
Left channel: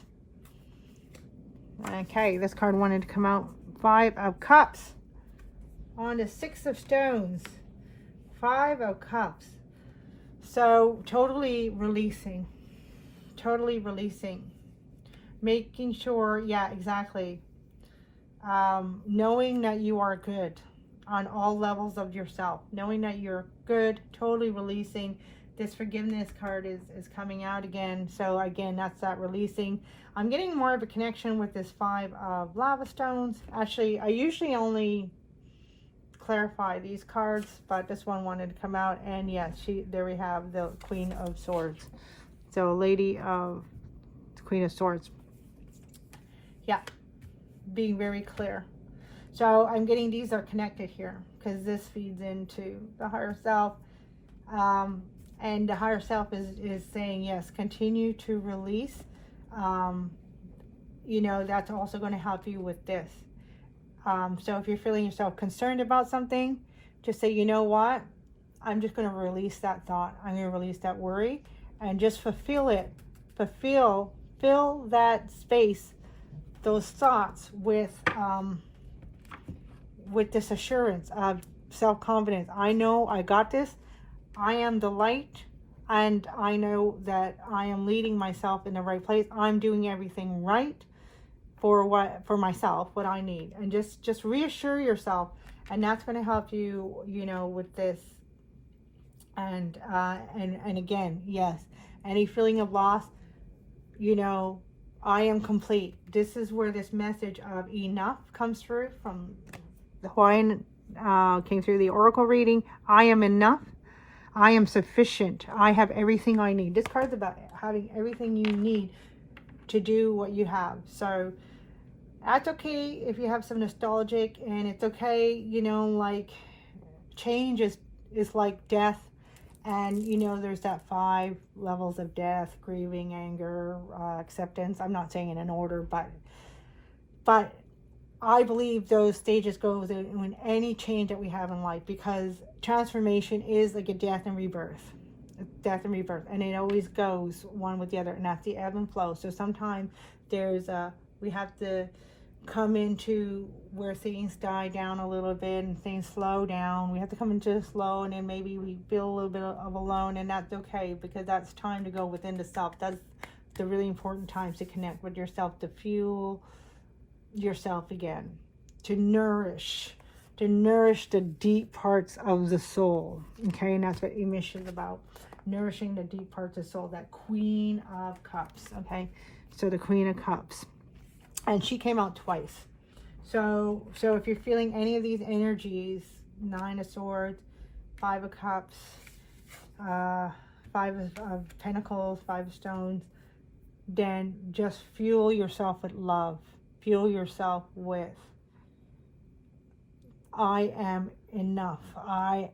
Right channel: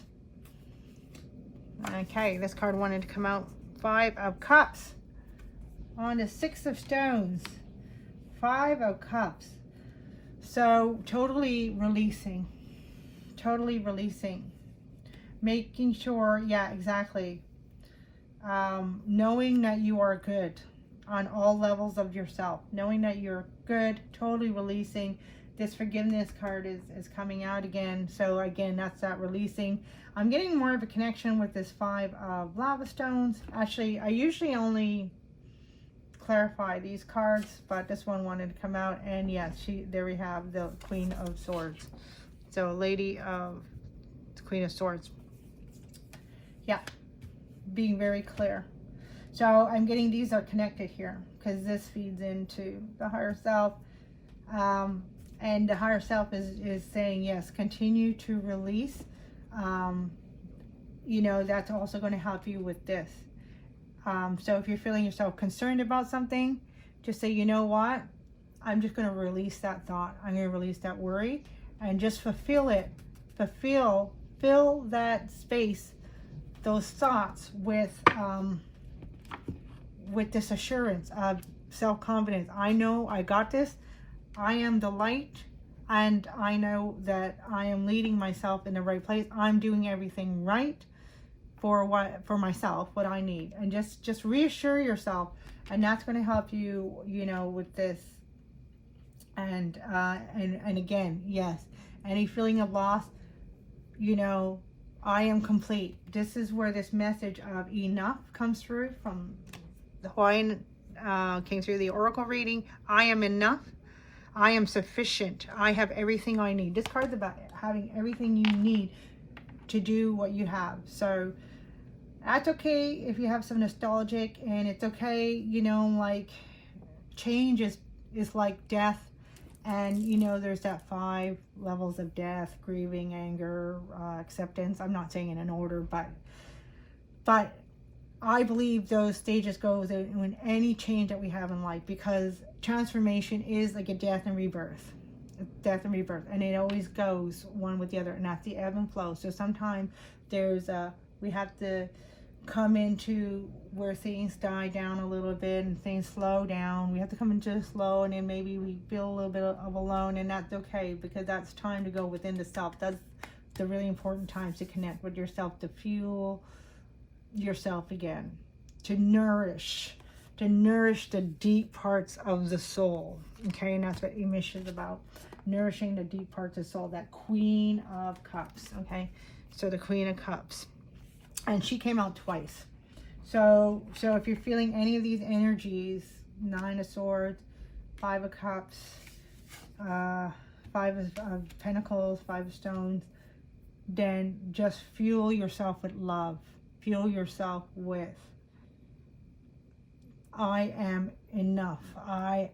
Okay, this card wanted to come out. 5 of Cups on the 6 of Stones. 5 of Cups. So totally releasing, making sure, yeah, exactly, knowing that you are good on all levels of yourself, knowing that you're good, totally releasing. This forgiveness card is coming out again. So again, that's that releasing. I'm getting more of a connection with this 5 of lava stones. Actually, I usually only clarify these cards, but this one wanted to come out. And yes, there we have the Queen of Swords. So Lady of the Queen of Swords. Yeah, being very clear. So I'm getting these are connected here because this feeds into the higher self. And the higher self is saying, yes, continue to release. You know, that's also going to help you with this. So if you're feeling yourself concerned about something, just say, you know what? I'm just going to release that thought. I'm going to release that worry and just fulfill it. Fill that space, those thoughts with this assurance of self-confidence. I know I got this. I am the light, and I know that I am leading myself in the right place. I'm doing everything right for myself, what I need. And just reassure yourself, and that's going to help you, you know, with this. And again, yes, any feeling of loss, you know, I am complete. This is where this message of enough comes through from the Hawaiian, came through the oracle reading. I am enough. I am sufficient. I have everything I need. This card's about having everything you need to do what you have. So that's okay if you have some nostalgic, and it's okay, you know, like change is like death. And, you know, there's that 5 levels of death: grieving, anger, acceptance. I'm not saying in an order, but I believe those stages go in any change that we have in life, because transformation is like a death and rebirth. And it always goes one with the other, and that's the ebb and flow. So sometimes we have to come into where things die down a little bit and things slow down. We have to come into the slow, and then maybe we feel a little bit of alone, and that's okay, because that's time to go within the self. That's the really important times to connect with yourself, to fuel yourself again, to nourish the deep parts of the soul. Okay, and that's what emission is about, nourishing the deep parts of the soul. That Queen of Cups. Okay, so the Queen of Cups, and she came out twice. So if you're feeling any of these energies, 9 of Swords, 5 of Cups, 5 of Pentacles, 5 of Stones, then just fuel yourself with love. Fuel yourself with, I am enough. I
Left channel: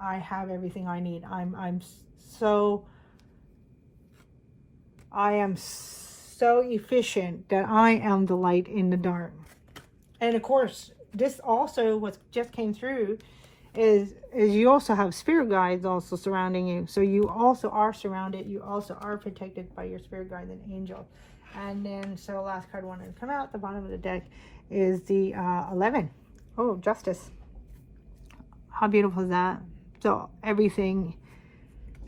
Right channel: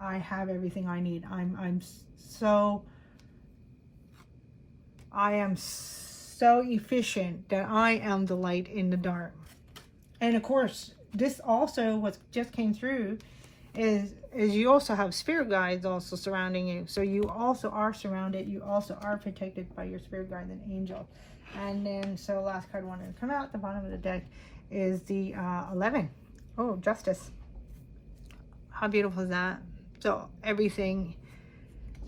have everything I need. I am so efficient that I am the light in the dark. And of course, this also what just came through is you also have spirit guides also surrounding you. So you also are surrounded. You also are protected by your spirit guides and angels. And then, so the last card wanted to come out, the bottom of the deck is the 11. Oh, Justice. How beautiful is that? So everything,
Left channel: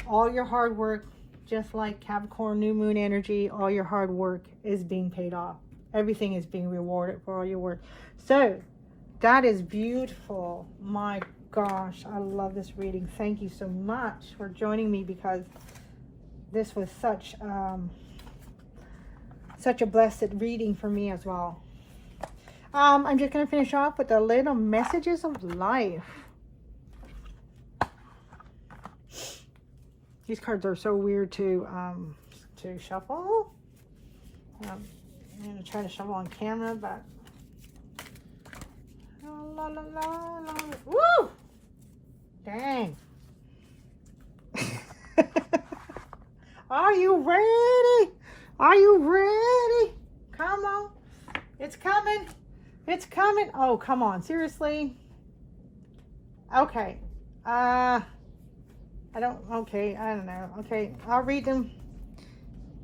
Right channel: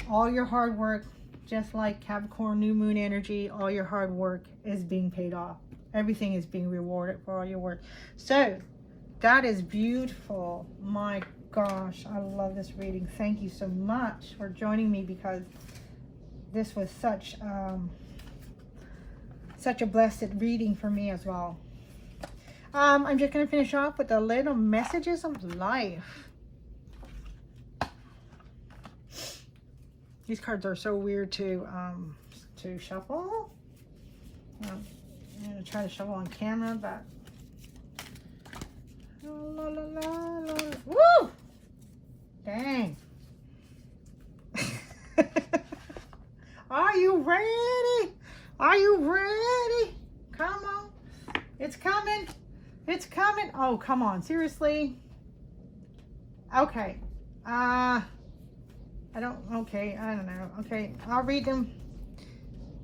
all your hard work, just like Capricorn New Moon energy, all your hard work is being paid off. Everything is being rewarded for all your work. So that is beautiful. My gosh, I love this reading. Thank you so much for joining me, because this was such a blessed reading for me as well. I'm just going to finish off with the little messages of life. These cards are so weird to shuffle. I'm going to try to shuffle on camera, but la, la, la, la. Woo! Dang. Are you ready? Are you ready? Come on. It's coming. It's coming. Oh, come on. Seriously? Okay. I don't know. Okay, I'll read them.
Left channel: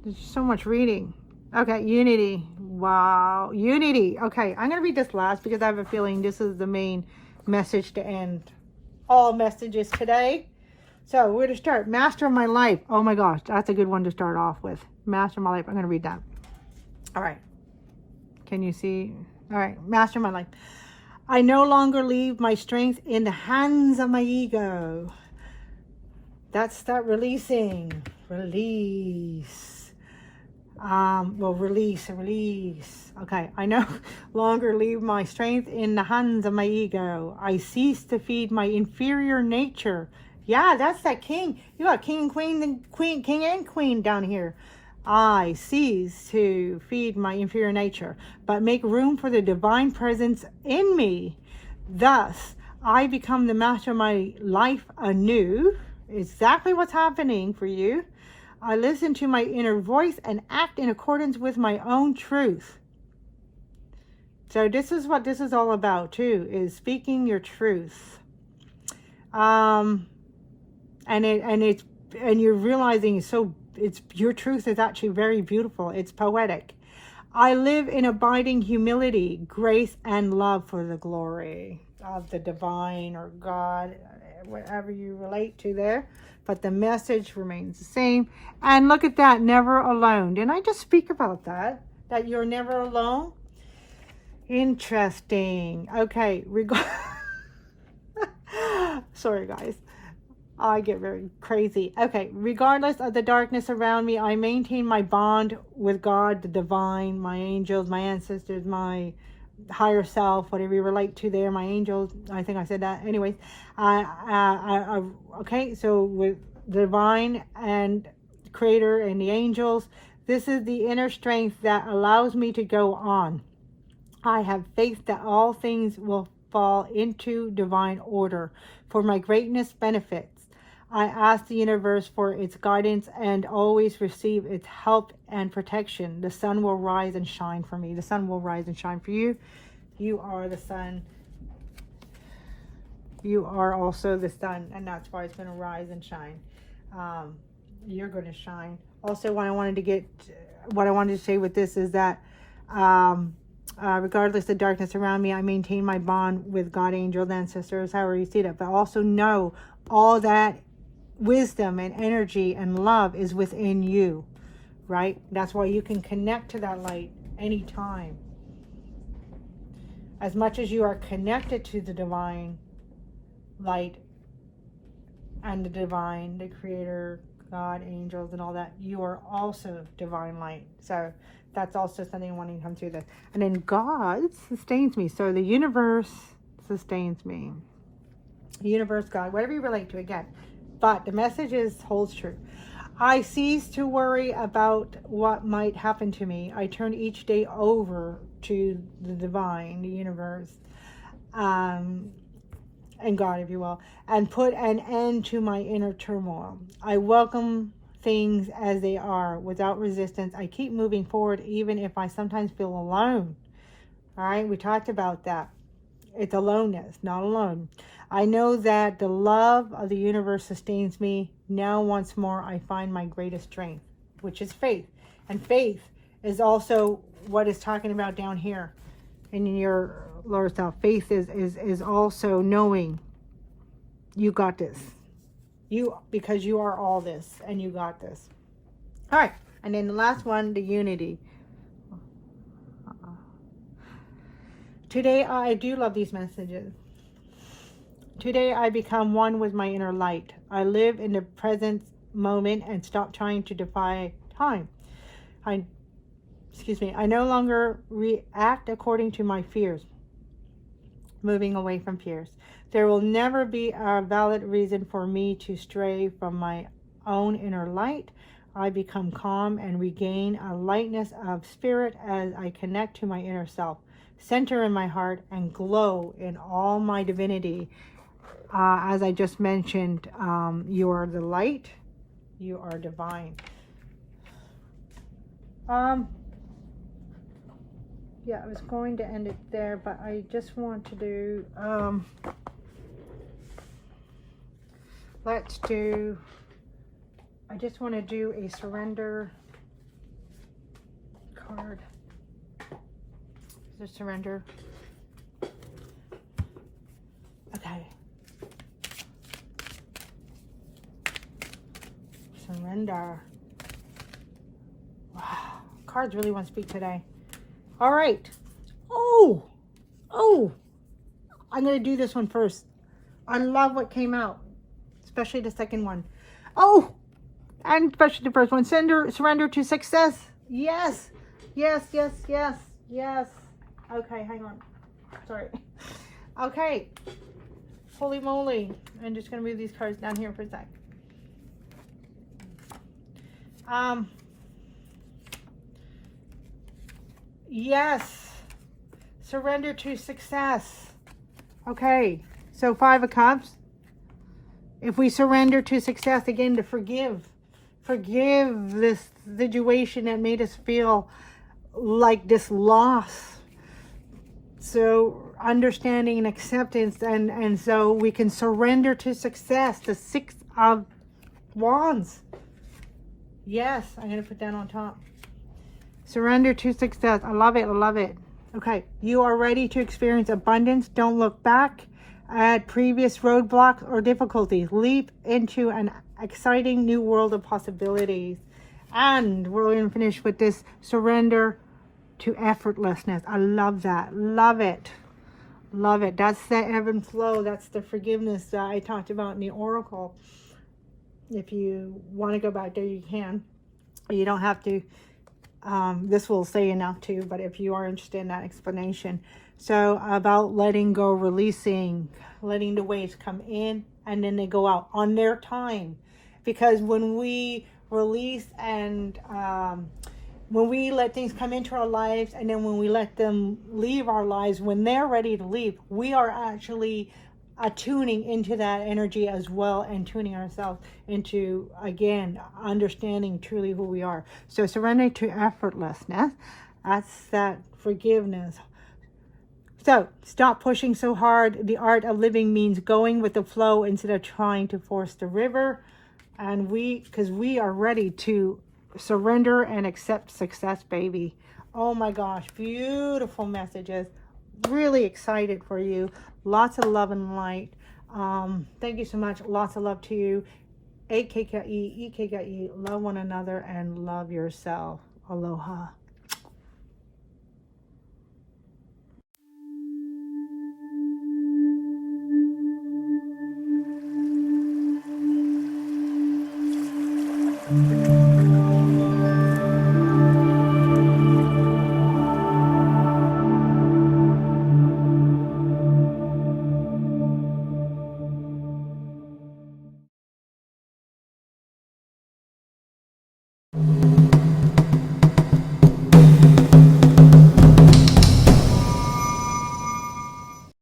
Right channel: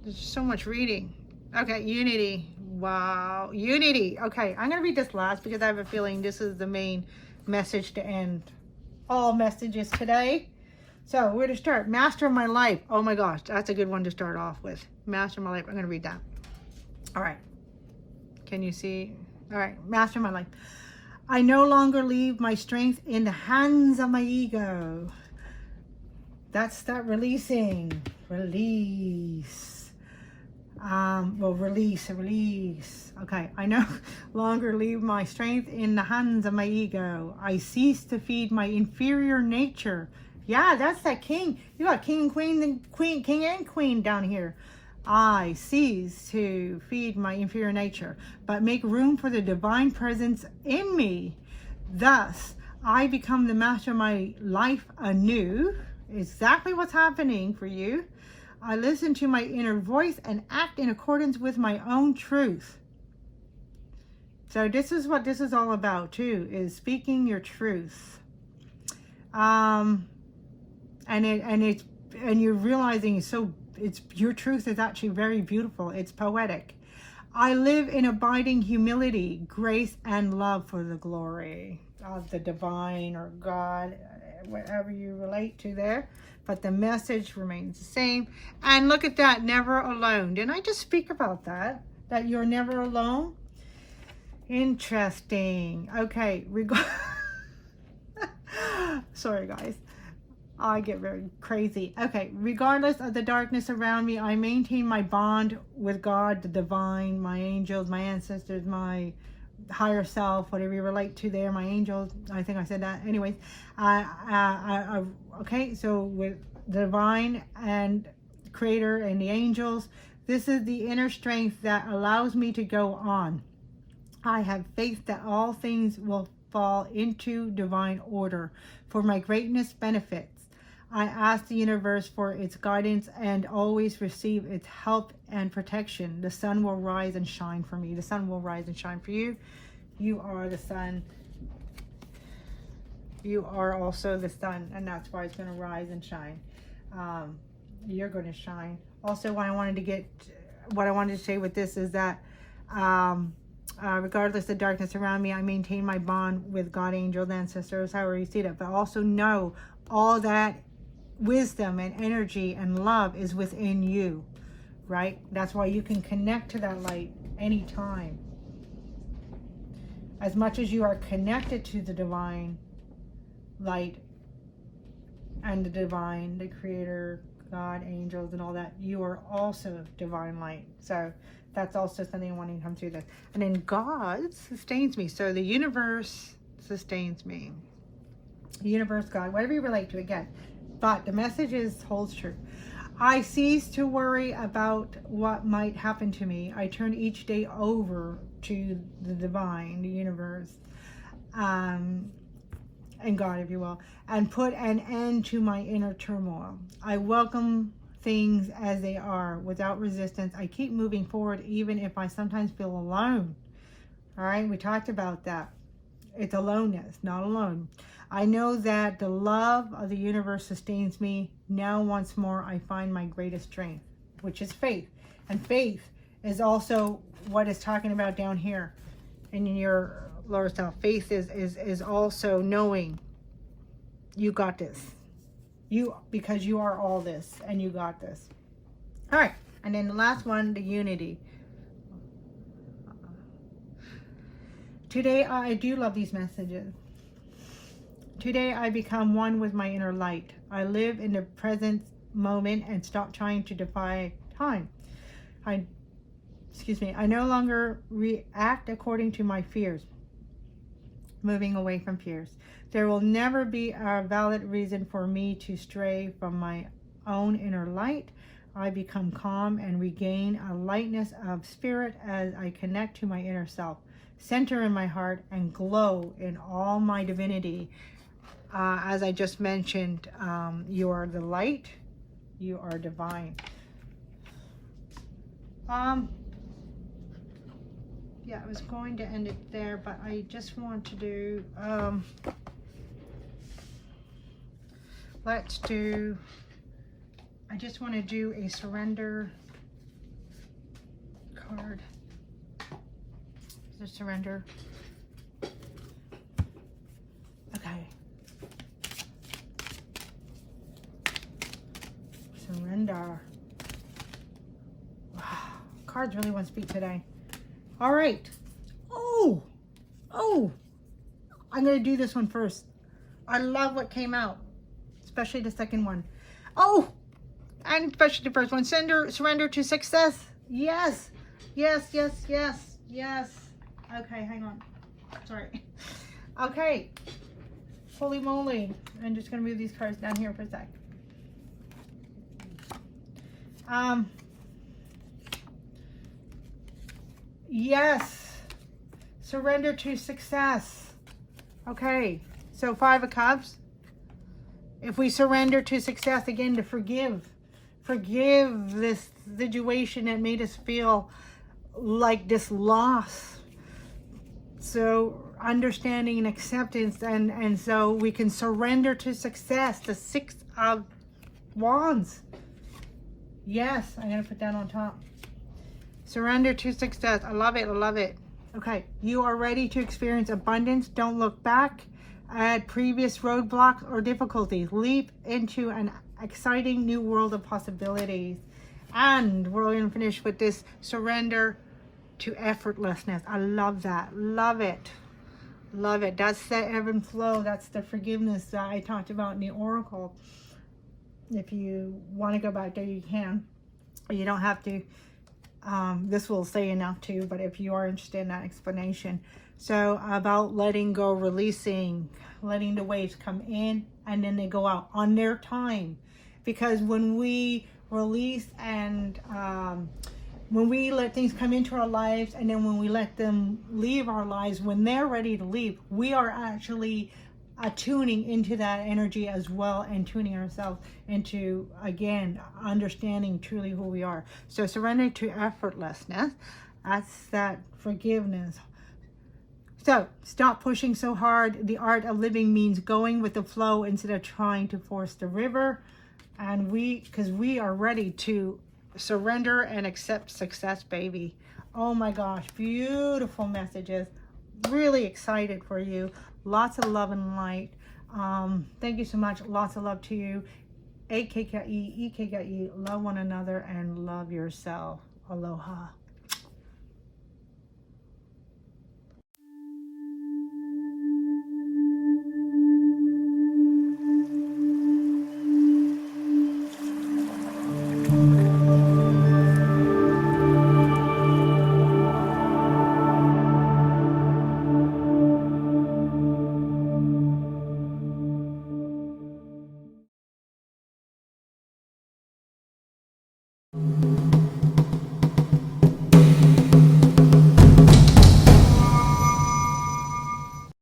There's so much reading. Okay, unity. Wow, unity. Okay, I'm gonna read this last because I have a feeling this is the main message to end all messages today. So we're to start. Master of my life. Oh my gosh, that's a good one to start off with. Master of my life. I'm gonna read that. All right. Can you see? All right, master of my life. I no longer leave my strength in the hands of my ego. That's that releasing. Release. Release. Okay, I no longer leave my strength in the hands of my ego. I cease to feed my inferior nature. Yeah, that's that king. You got king and queen, king and queen down here. I cease to feed my inferior nature, but make room for the divine presence in me. Thus, I become the master of my life anew. Exactly what's happening for you. I listen to my inner voice and act in accordance with my own truth. So this is what this is all about too, is speaking your truth. And you're realizing it's your truth is actually very beautiful. It's poetic. I live in abiding humility, grace, and love for the glory of the divine or God, whatever you relate to there. But the message remains the same. And look at that, never alone. Didn't I just speak about that? That you're never alone? Interesting. Okay, sorry guys. I get very crazy. Okay, regardless of the darkness around me, I maintain my bond with God, the divine, my angels, my ancestors, my higher self, whatever you relate to there, my angels. I think I said that. Anyways, okay, so with the divine and creator and the angels, this is the inner strength that allows me to go on. I have faith that all things will fall into divine order for my greatness benefits. I ask the universe for its guidance and always receive its help and protection. The sun will rise and shine for me. The sun will rise and shine for you. You are the sun. You are also the sun, and that's why it's going to rise and shine. You're going to shine. Also, what I wanted to say with this is that regardless of darkness around me, I maintain my bond with God, angels, ancestors, however you see that. But also know all that wisdom and energy and love is within you, right? That's why you can connect to that light anytime. As much as you are connected to the divine light and the divine, the creator, God, angels, and all that, you are also divine light. So that's also something wanting to come through this. And then God sustains me. So the universe sustains me. The universe, God, whatever you relate to, again. But the message holds true. I cease to worry about what might happen to me. I turn each day over to the divine, the universe, and God, if you will, and put an end to my inner turmoil. I welcome things as they are without resistance. I keep moving forward even if I sometimes feel alone. All right, we talked about that. It's aloneness, not alone. I know that the love of the universe sustains me. Now once more I find my greatest strength, which is faith. And faith is also what it's talking about down here in your lower self. Faith is also knowing you got this. Because you are all this and you got this. All right. And then the last one, the unity. Today, I do love these messages. Today, I become one with my inner light. I live in the present moment and stop trying to defy time. I no longer react according to my fears. Moving away from fears. There will never be a valid reason for me to stray from my own inner light. I become calm and regain a lightness of spirit as I connect to my inner self, center in my heart, and glow in all my divinity. As I just mentioned, you are the light, you are divine. Yeah, I was going to end it there, but I just want to do, I just want to do a surrender card. The surrender. Okay. Surrender. Wow. Cards really want to speak today. All right. Oh, I'm going to do this one first. I love what came out, especially the second one. Oh, and especially the first one. Surrender to success. Yes. Okay, hang on. Sorry. Okay. Holy moly. I'm just going to move these cards down here for a sec. Yes. Surrender to success. Okay. So 5 of Cups. If we surrender to success, again, to forgive this situation that made us feel like this loss. So understanding and acceptance, and so we can surrender to success. The 6 of Wands. Yes, I'm going to put that on top. Surrender to success. I love it. Okay, you are ready to experience abundance. Don't look back at previous roadblocks or difficulties. Leap into an exciting new world of possibilities. And we're going to finish with this surrender to effortlessness. I love that. Love it. That's the ebb and flow. That's the forgiveness that I talked about in the Oracle. If you want to go back there, you can. You don't have to. This will say enough too, but if you are interested in that explanation. So about letting go, releasing, letting the waves come in and then they go out on their time. Because when we release and when we let things come into our lives, and then when we let them leave our lives, when they're ready to leave, we are actually tuning into that energy as well, and tuning ourselves into, again, understanding truly who we are. So surrender to effortlessness. That's that forgiveness. So stop pushing so hard. The art of living means going with the flow instead of trying to force the river. And because we are ready to surrender and accept success, baby. Oh my gosh, beautiful messages. Really excited for you. Lots of love and light. Thank you so much. Lots of love to you. AKKE, EKKE. Love one another and love yourself. Aloha.